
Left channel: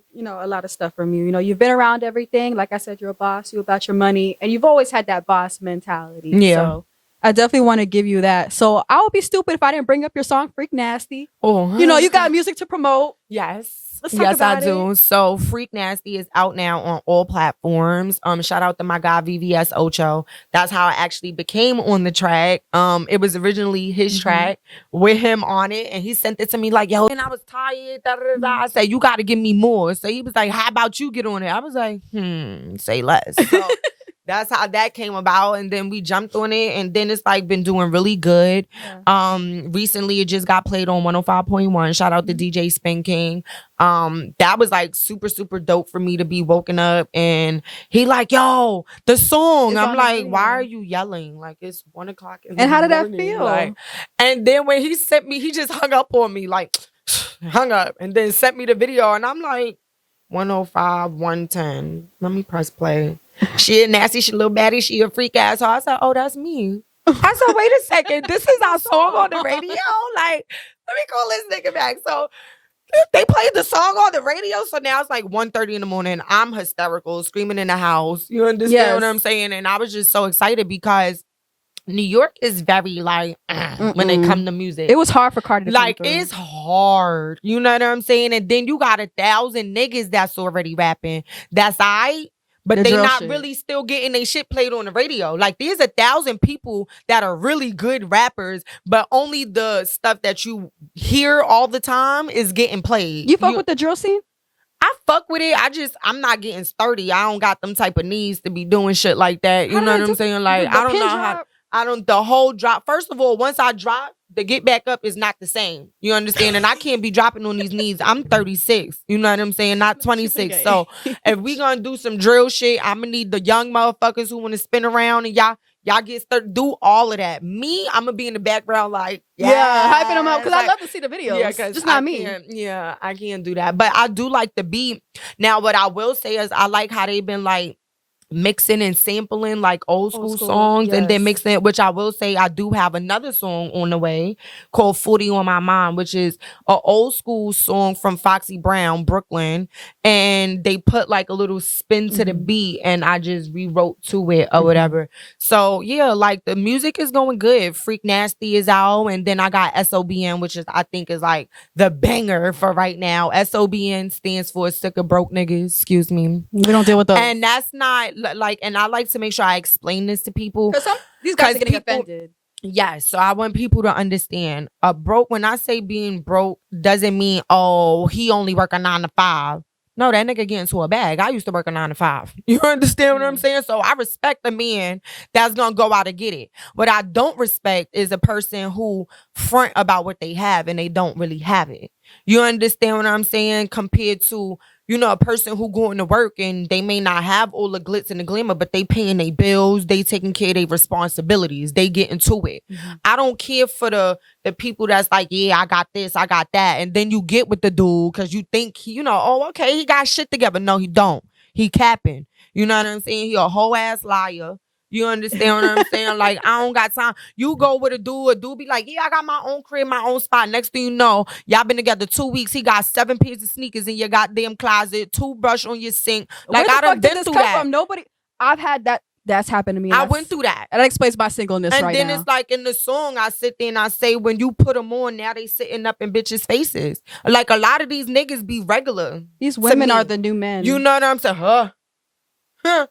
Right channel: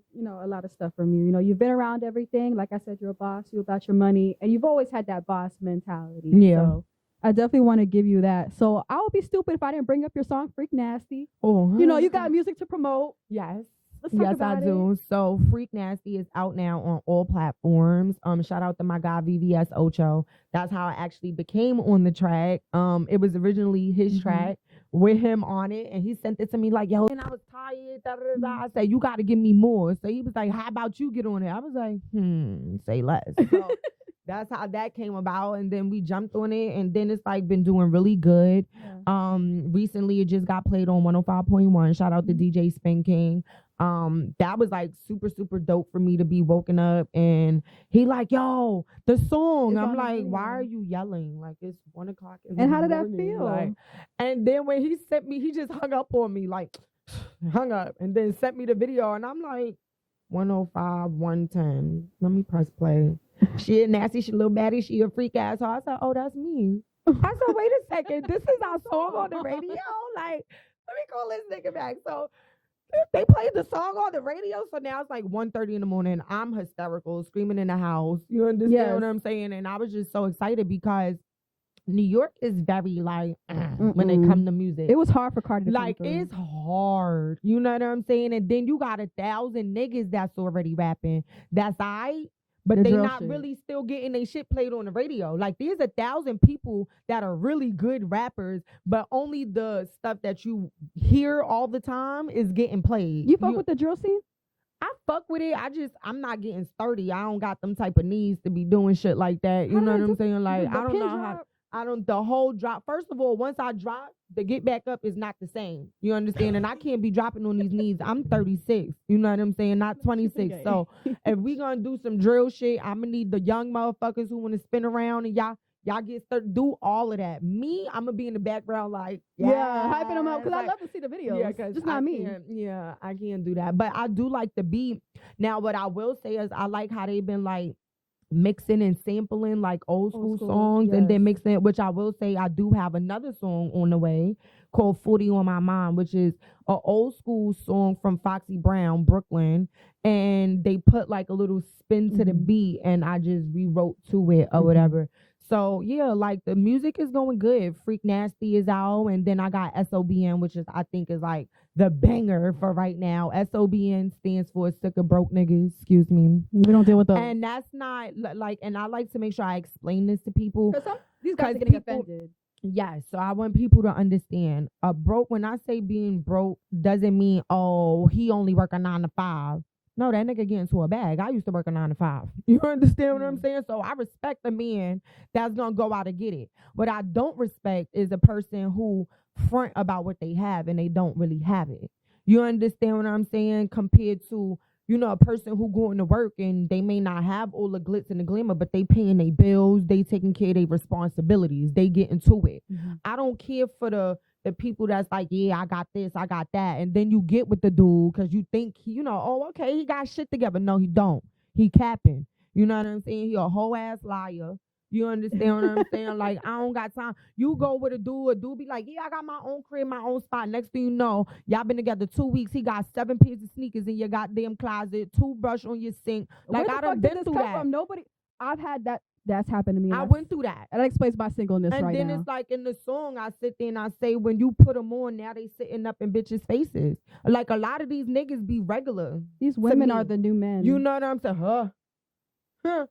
stuff from you. You know, you've been around everything. Like I said, you're a boss. You're about your money, and you've always had that boss mentality. Yeah. So I definitely want to give you that. So I would be stupid if I didn't bring up your song "Freak Nasty." Oh, you know, you got music to promote. Yes. Yes, I do. So Freak Nasty is out now on all platforms. Shout out to my guy VVS Ocho. That's how I actually became on the track. It was originally his track with him on it, and he sent it to me like, yo, and I was tired. I said, you got to give me more. So he was like, how about you get on it? I was like, say less. So that's how that came about. And then we jumped on it, and then it's like been doing really good. Yeah. Recently it just got played on 105.1. Shout out to DJ Spin King. That was like super, super dope for me to be woken up and he like, yo, the song. I'm like, why are you yelling? Like, it's 1 o'clock in the morning. And how did that feel? Like, and then when he sent me, he just hung up on me, like hung up, and then sent me the video, and I'm like, 105, 110. Let me press play. She a nasty, she a little baddie, she a freak ass. So I said, oh, that's me. I said, wait a second, this is our song on the radio? Like, let me call this nigga back. So they played the song on the radio. So now it's like 1:30 in the morning. I'm hysterical, screaming in the house. You understand what I'm saying? And I was just so excited because New York is very like when it come to music. It was hard for Cardi to like it's hard. You know what I'm saying? And then you got 1,000 niggas that's already rapping. That's aight. but The they drill not shit. really still getting their shit played on the radio. Like there's 1,000 people that are really good rappers, but only the stuff that you hear all the time is getting played. You fuck with the drill scene? I fuck with it. I'm not getting sturdy. I don't got them type of needs to be doing shit like that. You know what I'm saying? Like I don't know how. The whole drop. First of all, once I drop, the get back up is not the same. You understand? And I can't be dropping on these knees. I'm 36. You know what I'm saying? Not 26. So if we gonna do some drill shit, I'm gonna need the young motherfuckers who want to spin around and y'all get started. Do all of that. Me, I'm gonna be in the background like hyping them up because I love to see the videos. Yeah, just not me. I can't do that. But I do like the beat. Now, what I will say is I like how they've been like mixing and sampling like old school songs, and then mixing it, which I will say I do have another song on the way called 40 on My Mind, which is an old school song from Foxy Brown, Brooklyn, and they put like a little spin to the beat and I just rewrote to it or whatever. So yeah, like the music is going good. Freak Nasty is out, and then I got SOBN, which is I think is like the banger for right now. SOBN stands for Sick of Broke Niggas, excuse me. We don't deal with those. And that's not like, and I like to make sure I explain this to people. Because these guys are getting offended. Yes, so I want people to understand. Broke, when I say being broke, doesn't mean, oh, he only work a 9 to 5. No, that nigga get into a bag. I used to work a 9 to 5. You understand what I'm saying? So I respect the man that's gonna go out and get it. What I don't respect is a person who front about what they have and they don't really have it. You understand what I'm saying? Compared to, you know, a person who going to work and they may not have all the glitz and the glamour, but they paying their bills, they taking care of their responsibilities, they get into it. I don't care for the people that's like, yeah, I got this, I got that. And then you get with the dude because you think, you know, oh, okay, he got shit together. No, he don't. He capping. You know what I'm saying? He a whole ass liar. You understand what I'm saying? Like, I don't got time. You go with a dude be like, yeah, I got my own crib, my own spot. Next thing you know, y'all been together 2 weeks. He got 7 pairs of sneakers in your goddamn closet, toothbrush on your sink. Like, I done been through that. From? Nobody, I've had that. That's happened to me. I went through that. And that explains my singleness right now. And then it's like in the song, I sit there and I say, when you put them on, now they sitting up in bitches' faces. Like, a lot of these niggas be regular. These women are the new men. You know what I'm saying?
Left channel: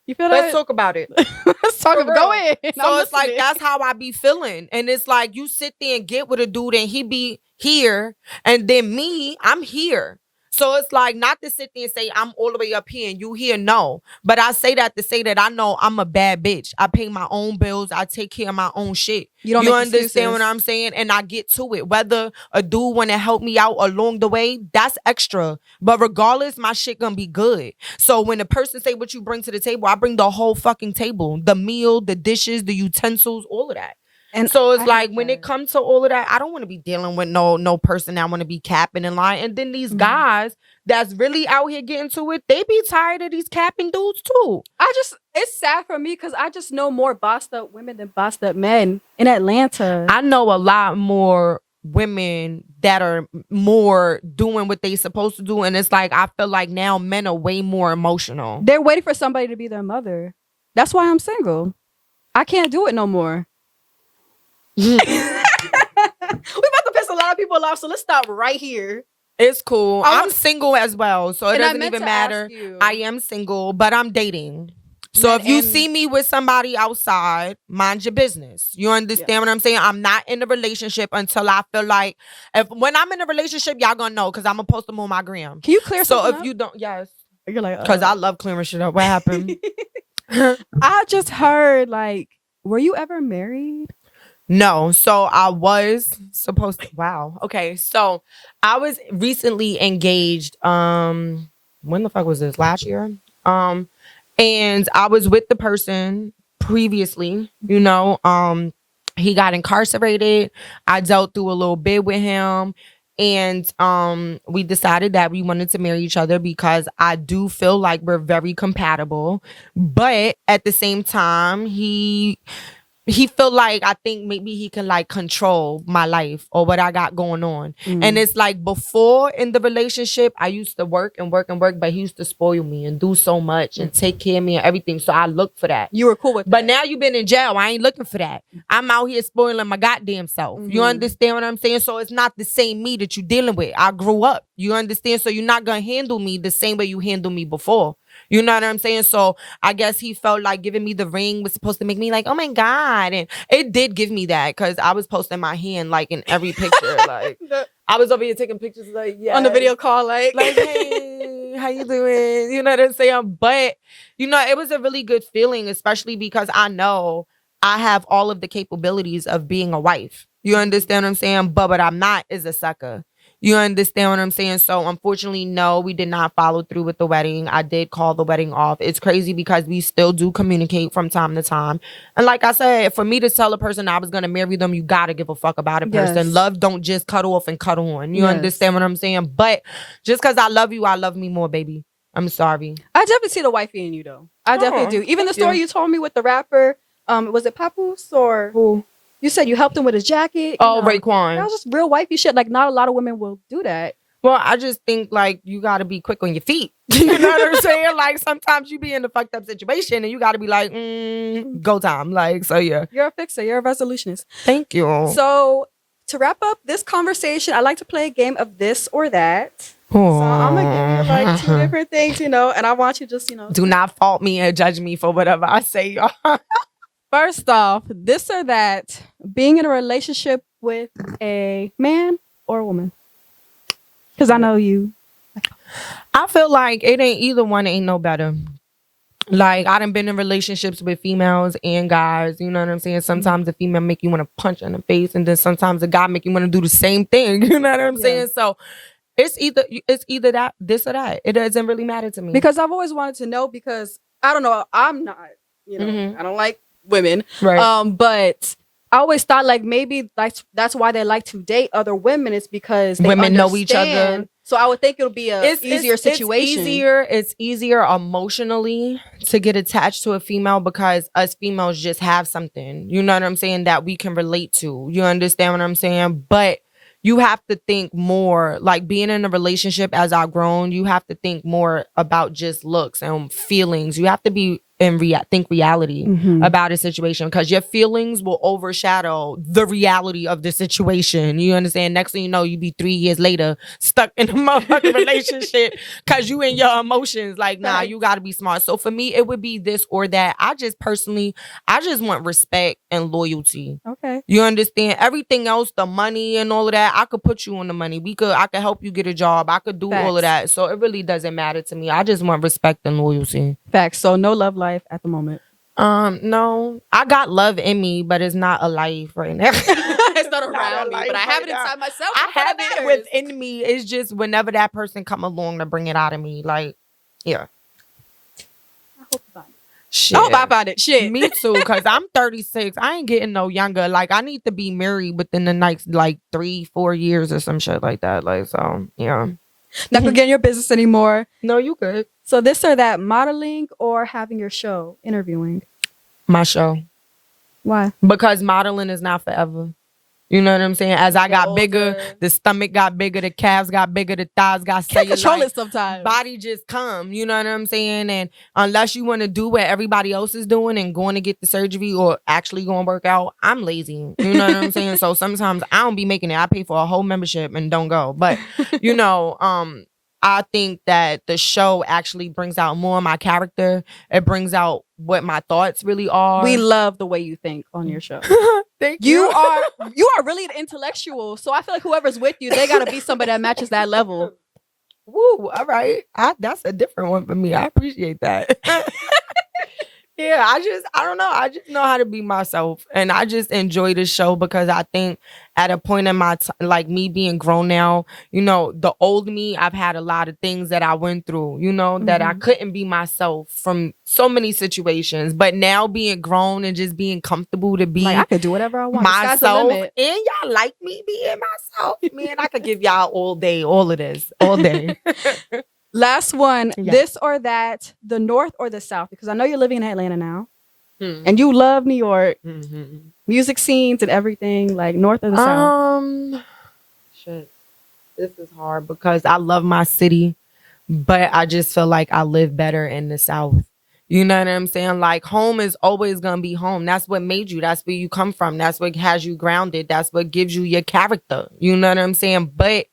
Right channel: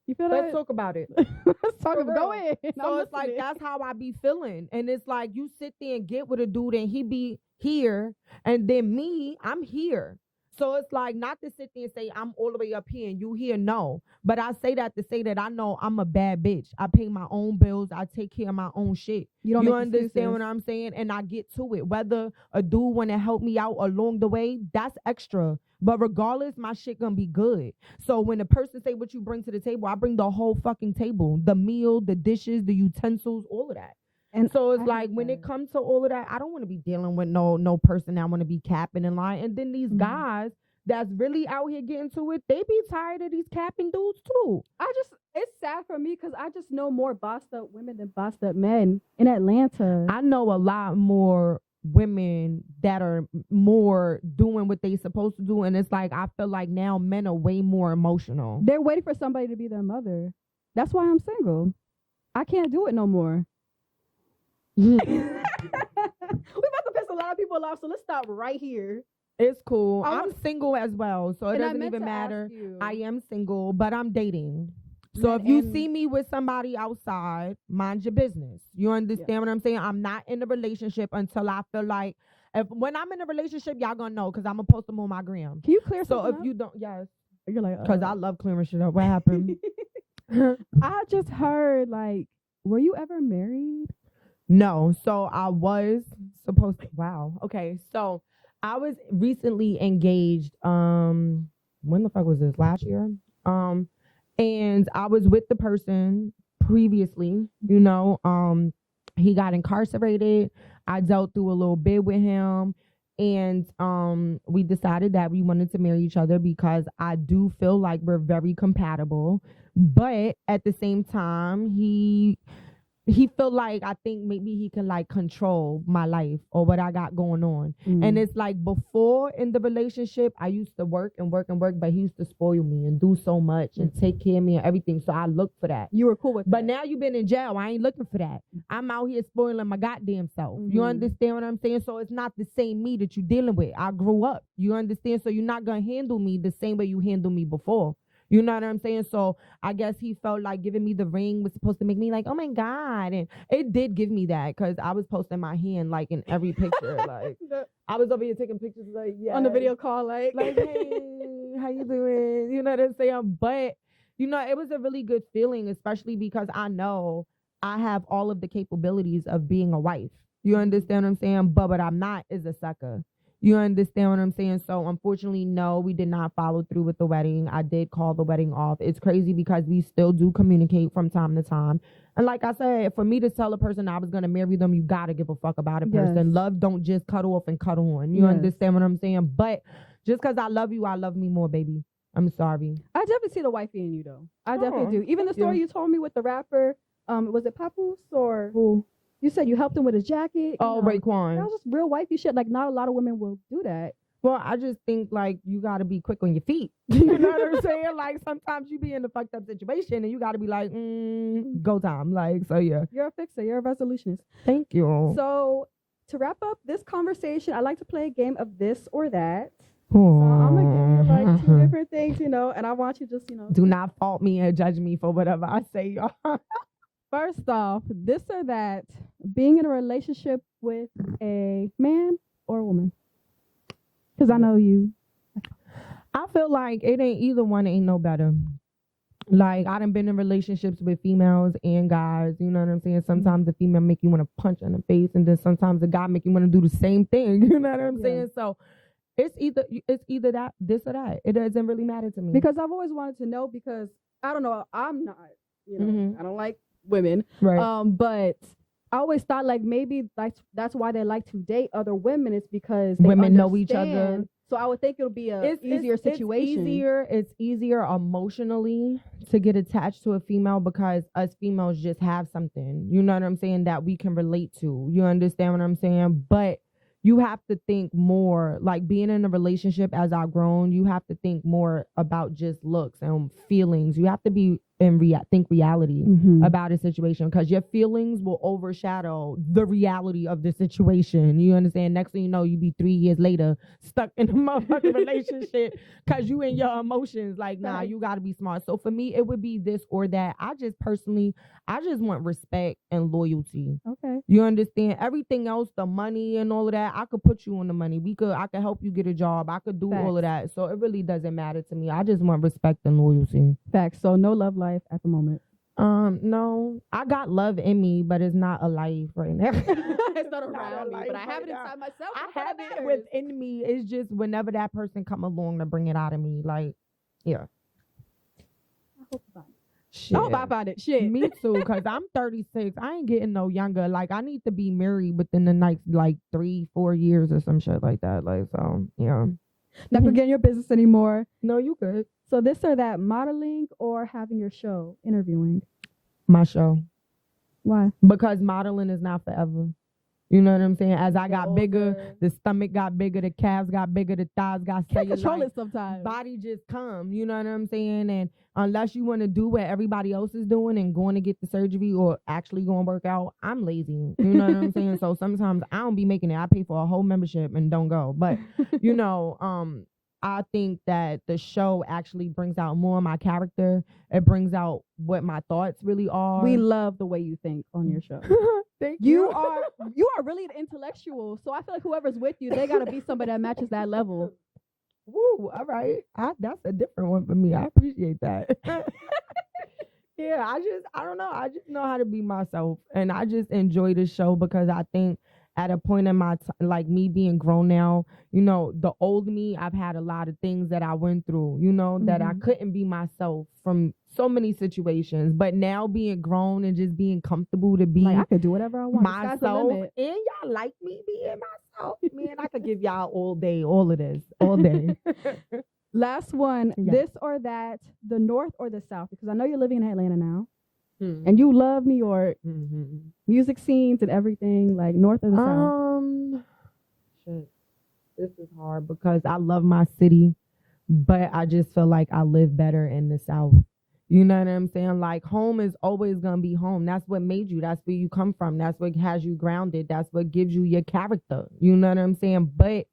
You feel Let's talk about it. Let's talk about it. Go ahead. So it's like, that's how I be feeling. And it's like, you sit there and get with a dude and he be here. And then me, I'm here. So it's like, not to sit there and say I'm all the way up here and you here, no. But I say that to say that I know I'm a bad bitch. I pay my own bills. I take care of my own shit. You understand what I'm saying? And I get to it. Whether a dude want to help me out along the way, that's extra. But regardless, my shit gonna be good. So when a person say what you bring to the table, I bring the whole fucking table. The meal, the dishes, the utensils, all of that. And so it's like when it comes to all of that, I don't want to be dealing with no person that want to be capping and lying. And then these guys that's really out here getting to it, they be tired of these capping dudes too. It's sad for me because I just know more bossed up women than bossed up men in Atlanta. I know a lot more women that are more doing what they supposed to do. And it's like, I feel like now men are way more emotional. They're waiting for somebody to be their mother. That's why I'm single. I can't do it no more. We about to piss a lot of people off, so let's stop right here. It's cool. I'm single as well, so it doesn't even matter. I am single, but I'm dating. So if you see me with somebody outside, mind your business. You understand what I'm saying? I'm not in a relationship until I feel like, when I'm in a relationship, y'all gonna know because I'm gonna post them on my gram. Can you clear something up? So if you don't, yes. You're like, because I love clearing shit up. What happened? I just heard, like, were you ever married? No, so I was supposed to. Wow. Okay, so I was recently engaged. When the fuck was this? Last year. And I was with the person previously. You know, he got incarcerated. I dealt through a little bit with him, and we decided that we wanted to marry each other because I do feel like we're very compatible. But at the same time, he feel like, I think maybe he can like control my life or what I got going on. And it's like, before in the relationship, I used to work, but he used to spoil me and do so much and take care of me and everything. So I look for that. You were cool with that. But now you've been in jail. I ain't looking for that. I'm out here spoiling my goddamn self. You understand what I'm saying? So it's not the same me that you dealing with. I grew up. You understand? So you're not going to handle me the same way you handled me before. You know what I'm saying? So I guess he felt like giving me the ring was supposed to make me like, oh my God. And it did give me that because I was posting my hand like in every picture. Like I was over here taking pictures like, yeah. On the video call, like hey, how you doing? You know what I'm saying? But, you know, it was a really good feeling, especially because I know I have all of the capabilities of being a wife. You understand what I'm saying? But what I'm not is a sucker. You understand what I'm saying? So unfortunately, no, we did not follow through with the wedding. I did call the wedding off. It's crazy because we still do communicate from time to time. And like I said, for me to tell a person I was going to marry them, you got to give a fuck about a person. Yes. Love don't just cut off and cut on. You Yes. understand what I'm saying? But just because I love you, I love me more, baby. I'm sorry. I definitely see the wifey in you, though. I definitely do. Even the story you told me with the rapper, was it Papoose or who? You said you helped him with his jacket. Oh, Raekwon. That was just real wifey shit. Like, not a lot of women will do that. Well, I just think, like, you got to be quick on your feet. You know what I'm saying? Like, sometimes you be in a fucked up situation and you got to be like, go time. Like, so yeah. You're a fixer. You're a resolutionist. Thank you. So, to wrap up this conversation, I like to play a game of this or that. So, I'm going to give you, like, 2 different things, you know, and I want you just, you know. Do not fault me and judge me for whatever I say, y'all. First off, this or that, being in a relationship with a man or a woman? Because I know you. I feel like it ain't either one ain't no better. Like, I done been in relationships with females and guys. You know what I'm saying? Sometimes the female make you want to punch in the face, and then sometimes the guy make you want to do the same thing. You know what I'm saying? So it's either that, this or that. It doesn't really matter to me. Because I've always wanted to know, because I don't know, I'm not, you know, I don't like women. Right. But I always thought like maybe that's why they like to date other women, is because they women know understand. each other. So I would think it'll be a easier situation. It's easier emotionally to get attached to a female because us females just have something, you know what I'm saying, that we can relate to. You understand what I'm saying? But you have to think more, like being in a relationship as I've grown, you have to think more about just looks and feelings. You have to be think reality about a situation, because your feelings will overshadow the reality of the situation. You understand? Next thing you know, you be 3 years later stuck in a motherfucking relationship because you and your emotions. Like, nah, you got to be smart. So for me, it would be this or that. I just want respect and loyalty. Okay. You understand? Everything else, the money and all of that, I could put you on the money. I could help you get a job. I could do all of that. So it really doesn't matter to me. I just want respect and loyalty. Facts. So no love life at the moment. No. I got love in me, but it's not a life right now. It's not around me, but I have it inside myself. I have it within me. It's just whenever that person come along to bring it out of me. Like, yeah. I hope you find it. Shit. I hope I find it. Shit. Me too, because I'm 36. I ain't getting no younger. Like, I need to be married within the next, like, 3-4 years or some shit like that. Like, so, yeah. Not gonna get in your business anymore. No, you good. So this or that, modeling or having your show, interviewing? My show. Why? Because modeling is not forever. You know what I'm saying? As I got bigger, the stomach got bigger, the calves got bigger, the thighs got cellulite. Can't control it sometimes. Body just come. You know what I'm saying? And unless you want to do what everybody else is doing and going to get the surgery or actually going to work out, I'm lazy. You know what I'm saying? So sometimes I don't be making it. I pay for a whole membership and don't go. But, you know, I think that the show actually brings out more of my character. It brings out what my thoughts really are. We love the way you think on your show. Thank you. You are really an intellectual. So I feel like whoever's with you, they gotta be somebody that matches that level. Woo, all right. That's a different one for me. I appreciate that. Yeah, I don't know. I just know how to be myself. And I just enjoy this show because I think at a point in my like me being grown now, you know, the old me, I've had a lot of things that I went through, you know, that I couldn't be myself from so many situations. But now being grown and just being comfortable to be like, I could do whatever I want. Myself. And y'all like me being myself. Man, I could give y'all all day, all of this, all day. Last one, this or that, the North or the South? Because I know you're living in Atlanta now, and you love New York, music scenes and everything. Like, North or the South? Shit, this is hard because I love my city, but I just feel like I live better in the South. You know what I'm saying? Like, home is always gonna be home. That's what made you. That's where you come from. That's what has you grounded. That's what gives you your character. You know what I'm saying? But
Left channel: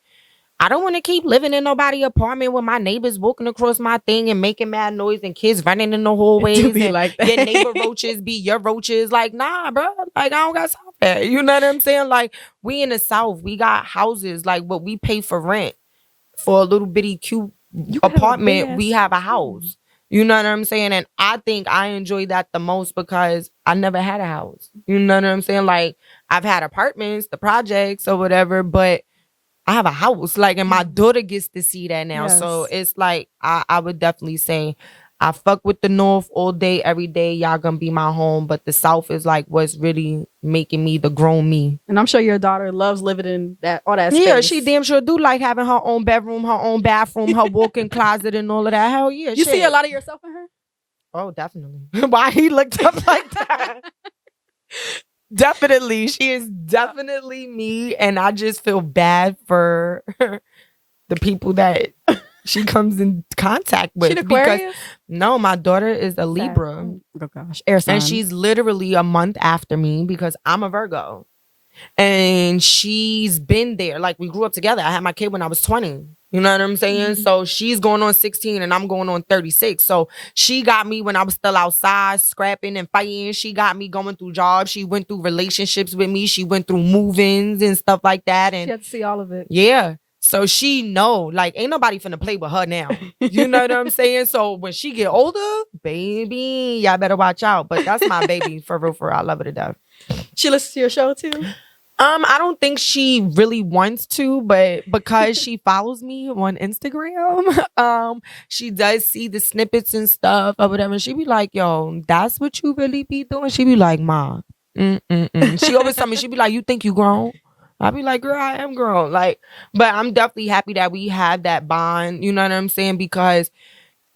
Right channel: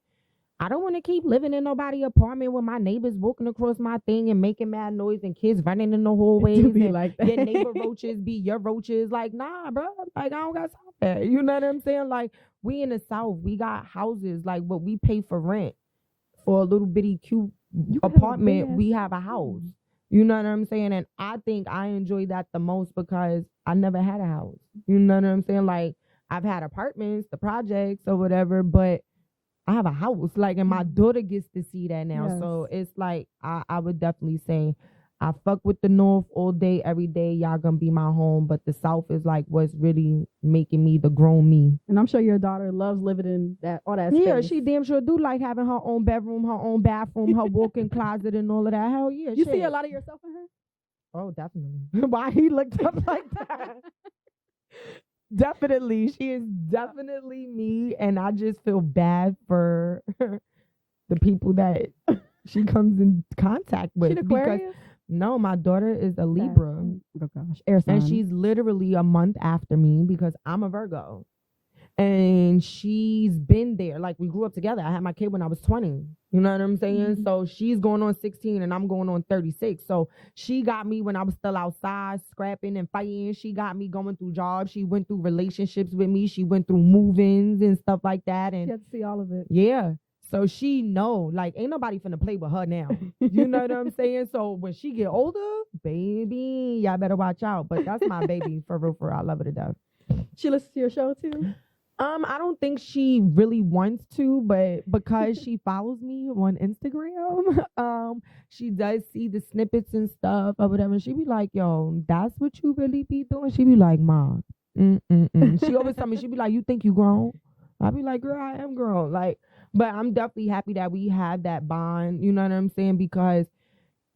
I don't want to keep living in nobody's apartment with my neighbors walking across my thing and making mad noise and kids running in the hallways. To be and like that. Your neighbor roaches be your roaches. Like, nah, bro. Like, I don't got time for that. You know what I'm saying? Like, we in the South, we got houses. Like, what we pay for rent for a little bitty cute apartment, we have a house. You know what I'm saying? And I think I enjoy that the most because I never had a house. You know what I'm saying? Like, I've had apartments, the projects or whatever, but I have a house. Like, and my daughter gets to see that now. Yes. So it's like, I would definitely say I fuck with the North all day, every day. Y'all gonna be my home. But the South is like what's really making me the grown me. And I'm sure your daughter loves living in all that space. Yeah, she damn sure do like having her own bedroom, her own bathroom, her walk-in closet and all of that. Hell yeah. You see a lot of yourself in her? Oh, definitely. Why he looked up like that? Definitely. She is definitely me. And I just feel bad for the people that she comes in contact with. She an Aquarius? No, my daughter is a Libra. Oh gosh. Air sign. And she's literally a month after me because I'm a Virgo. And she's been there. Like, we grew up together. I had my kid when I was 20. You know what I'm saying? So she's going on 16 and I'm going on 36. So she got me when I was still outside scrapping and fighting. She got me going through jobs. She went through relationships with me. She went through move-ins and stuff like that. And she had to see all of it. Yeah. So she know, like, ain't nobody finna play with her now. You know what I'm saying? So when she get older, baby, y'all better watch out. But that's my baby, for real, for real. I love her to death. She listens to your show too? I don't think she really wants to, but because she follows me on Instagram, she does see the snippets and stuff or whatever. She be like, yo, that's what you really be doing? She be like, Ma. She always tell me, she be like, you think you grown? I be like, girl, I am grown. Like, but I'm definitely happy that we have that bond, you know what I'm saying? Because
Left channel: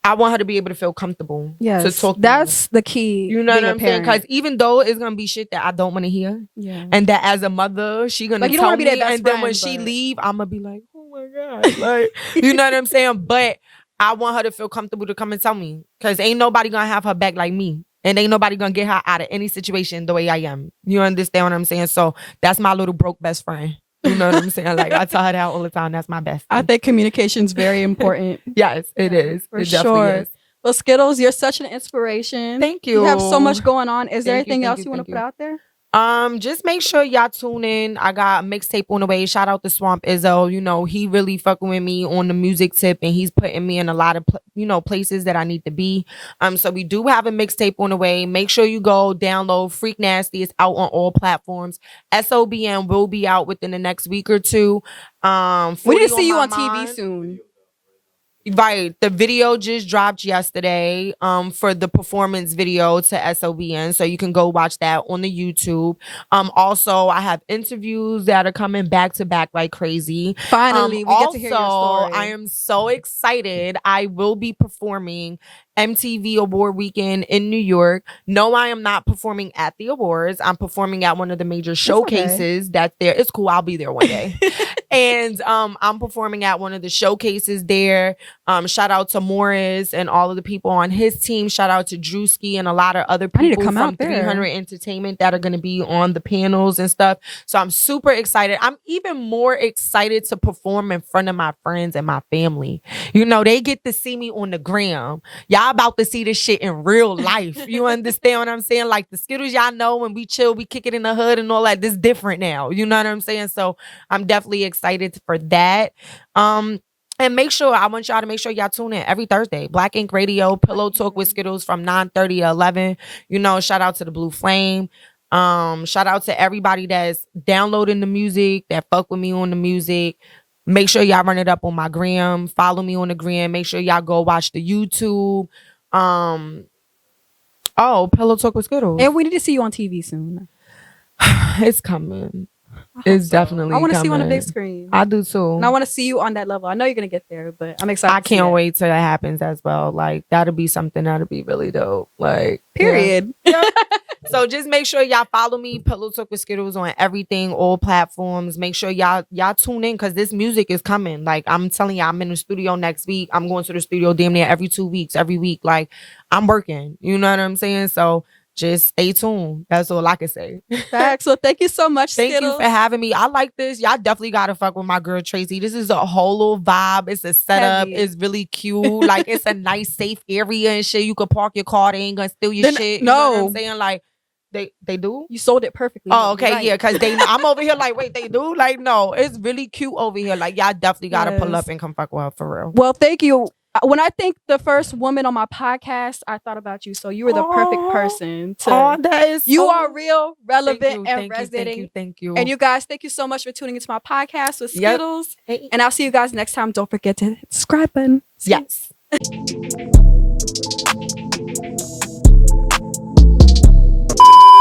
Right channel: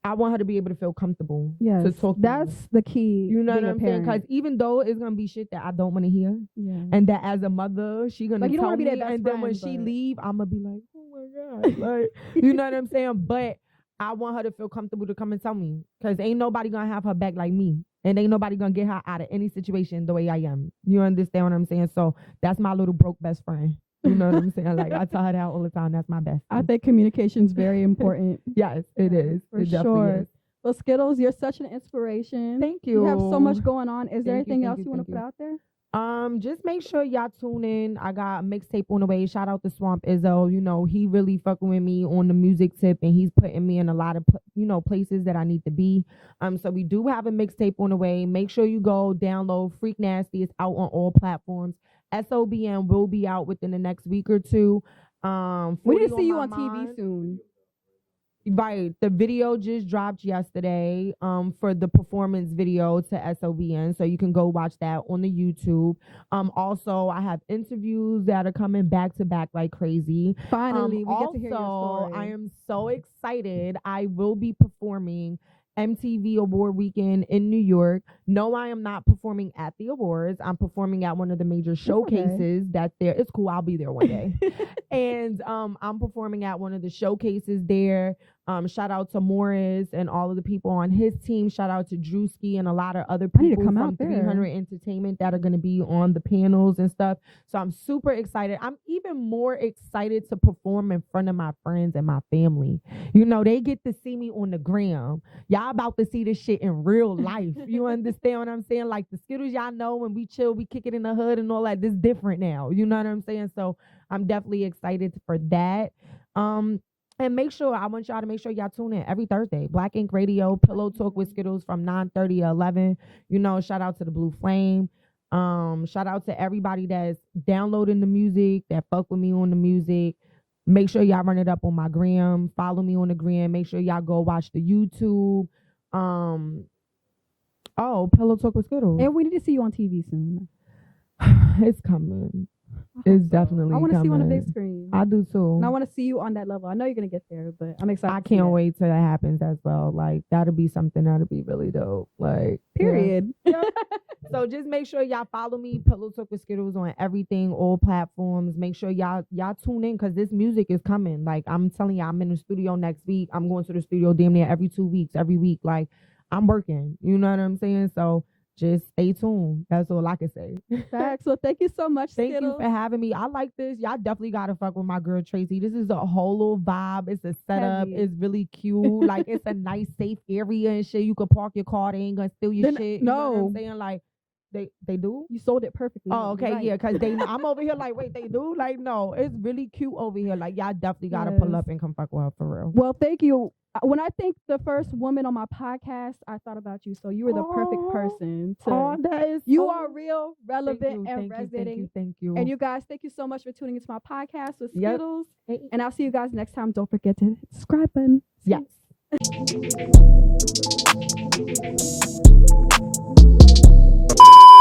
I want her to be able to feel comfortable. Yes, to talk to that's me. The key. You know what I'm saying? Because even though it's gonna be shit that I don't want to hear, and that as a mother, she gonna like, you don't tell be me, that best and then friend, when she leave, I'm gonna be like, oh my god, like, you know what I'm saying? But I want her to feel comfortable to come and tell me, because ain't nobody gonna have her back like me, and ain't nobody gonna get her out of any situation the way I am. You understand what I'm saying? So that's my little broke best friend. You know what I'm saying? Like, I tell her that all the time. That's my best friend. I think communication is very important. Yes, it is. For it sure. Is. Well, Skiddlez, you're such an inspiration. Thank you. You have so much going on. Is there anything else you want to put out there? Just make sure y'all tune in. I got a mixtape on the way. Shout out to Swamp Izzo. You know, he really fucking with me on the music tip, and he's putting me in a lot of places that I need to be. So we do have a mixtape on the way. Make sure you go download Freak Nasty. It's out on all platforms. SOBM will be out within the next week or two. We need to see you on TV soon. Right. The video just dropped yesterday for the performance video to SOBN. So you can go watch that on the YouTube. Also, I have interviews that are coming back to back like crazy. Finally, we get to hear your story. I am so excited. I will be performing MTV Award Weekend in New York. No, I am not performing at the awards. I'm performing at one of the major showcases that's there. It's cool. I'll be there one day. And I'm performing at one of the showcases there. Shout out to Morris and all of the people on his team. Shout out to Drewski and a lot of other people from 300 Entertainment that are going to be on the panels and stuff. So I'm super excited. I'm even more excited to perform in front of my friends and my family. You know, they get to see me on the gram. Y'all about to see this shit in real life. You understand what I'm saying? Like the Skiddlez, y'all know when we chill, we kick it in the hood and all that. This different now. You know what I'm saying? So I'm definitely excited for that. And I want y'all to make sure y'all tune in every Thursday. Black Ink Radio, Pillow Talk with Skiddlez from 9:30 to 11. You know, shout out to the Blue Flame. Shout out to everybody that's downloading the music, that fuck with me on the music. Make sure y'all run it up on my gram. Follow me on the gram. Make sure y'all go watch the YouTube. Pillow Talk with Skiddlez. And we need to see you on TV soon. It's coming. It's definitely I want to coming. see you on the big screen. I do too. And I want to see you on that level. I know you're going to get there, but I'm excited. I can't wait till that happens as well. Like, that'll be something that'll be really dope. Like, period. Yeah. So just make sure y'all follow me, Pillow Talk with Skiddlez, on everything, all platforms. Make sure y'all tune in, because this music is coming. Like, I'm telling y'all, I'm in the studio next week. I'm going to the studio damn near every 2 weeks, every week. Like, I'm working. You know what I'm saying? So just stay tuned. That's all I can say. Facts. So thank you so much, Thank Skiddlez. you for having me. I like this. Y'all definitely gotta fuck with my girl Tracy. This is a whole little vibe. It's a setup. Heavy. It's really cute. Like it's a nice, safe area and shit. You could park your car. They ain't gonna steal your shit. You know what I'm saying? Like they do. You sold it perfectly. Oh, okay, right. Yeah, because I'm over here like, wait, they do? Like, no, it's really cute over here. Like, y'all definitely gotta pull up and come fuck with her for real. Well, thank you. When I think the first woman on my podcast, I thought about you. So you were the perfect person to. That is you are real, relevant, and resonating. Thank you. And you guys, thank you so much for tuning into my podcast with Skiddlez. Yep. And I'll see you guys next time. Don't forget to hit the subscribe button. Yes.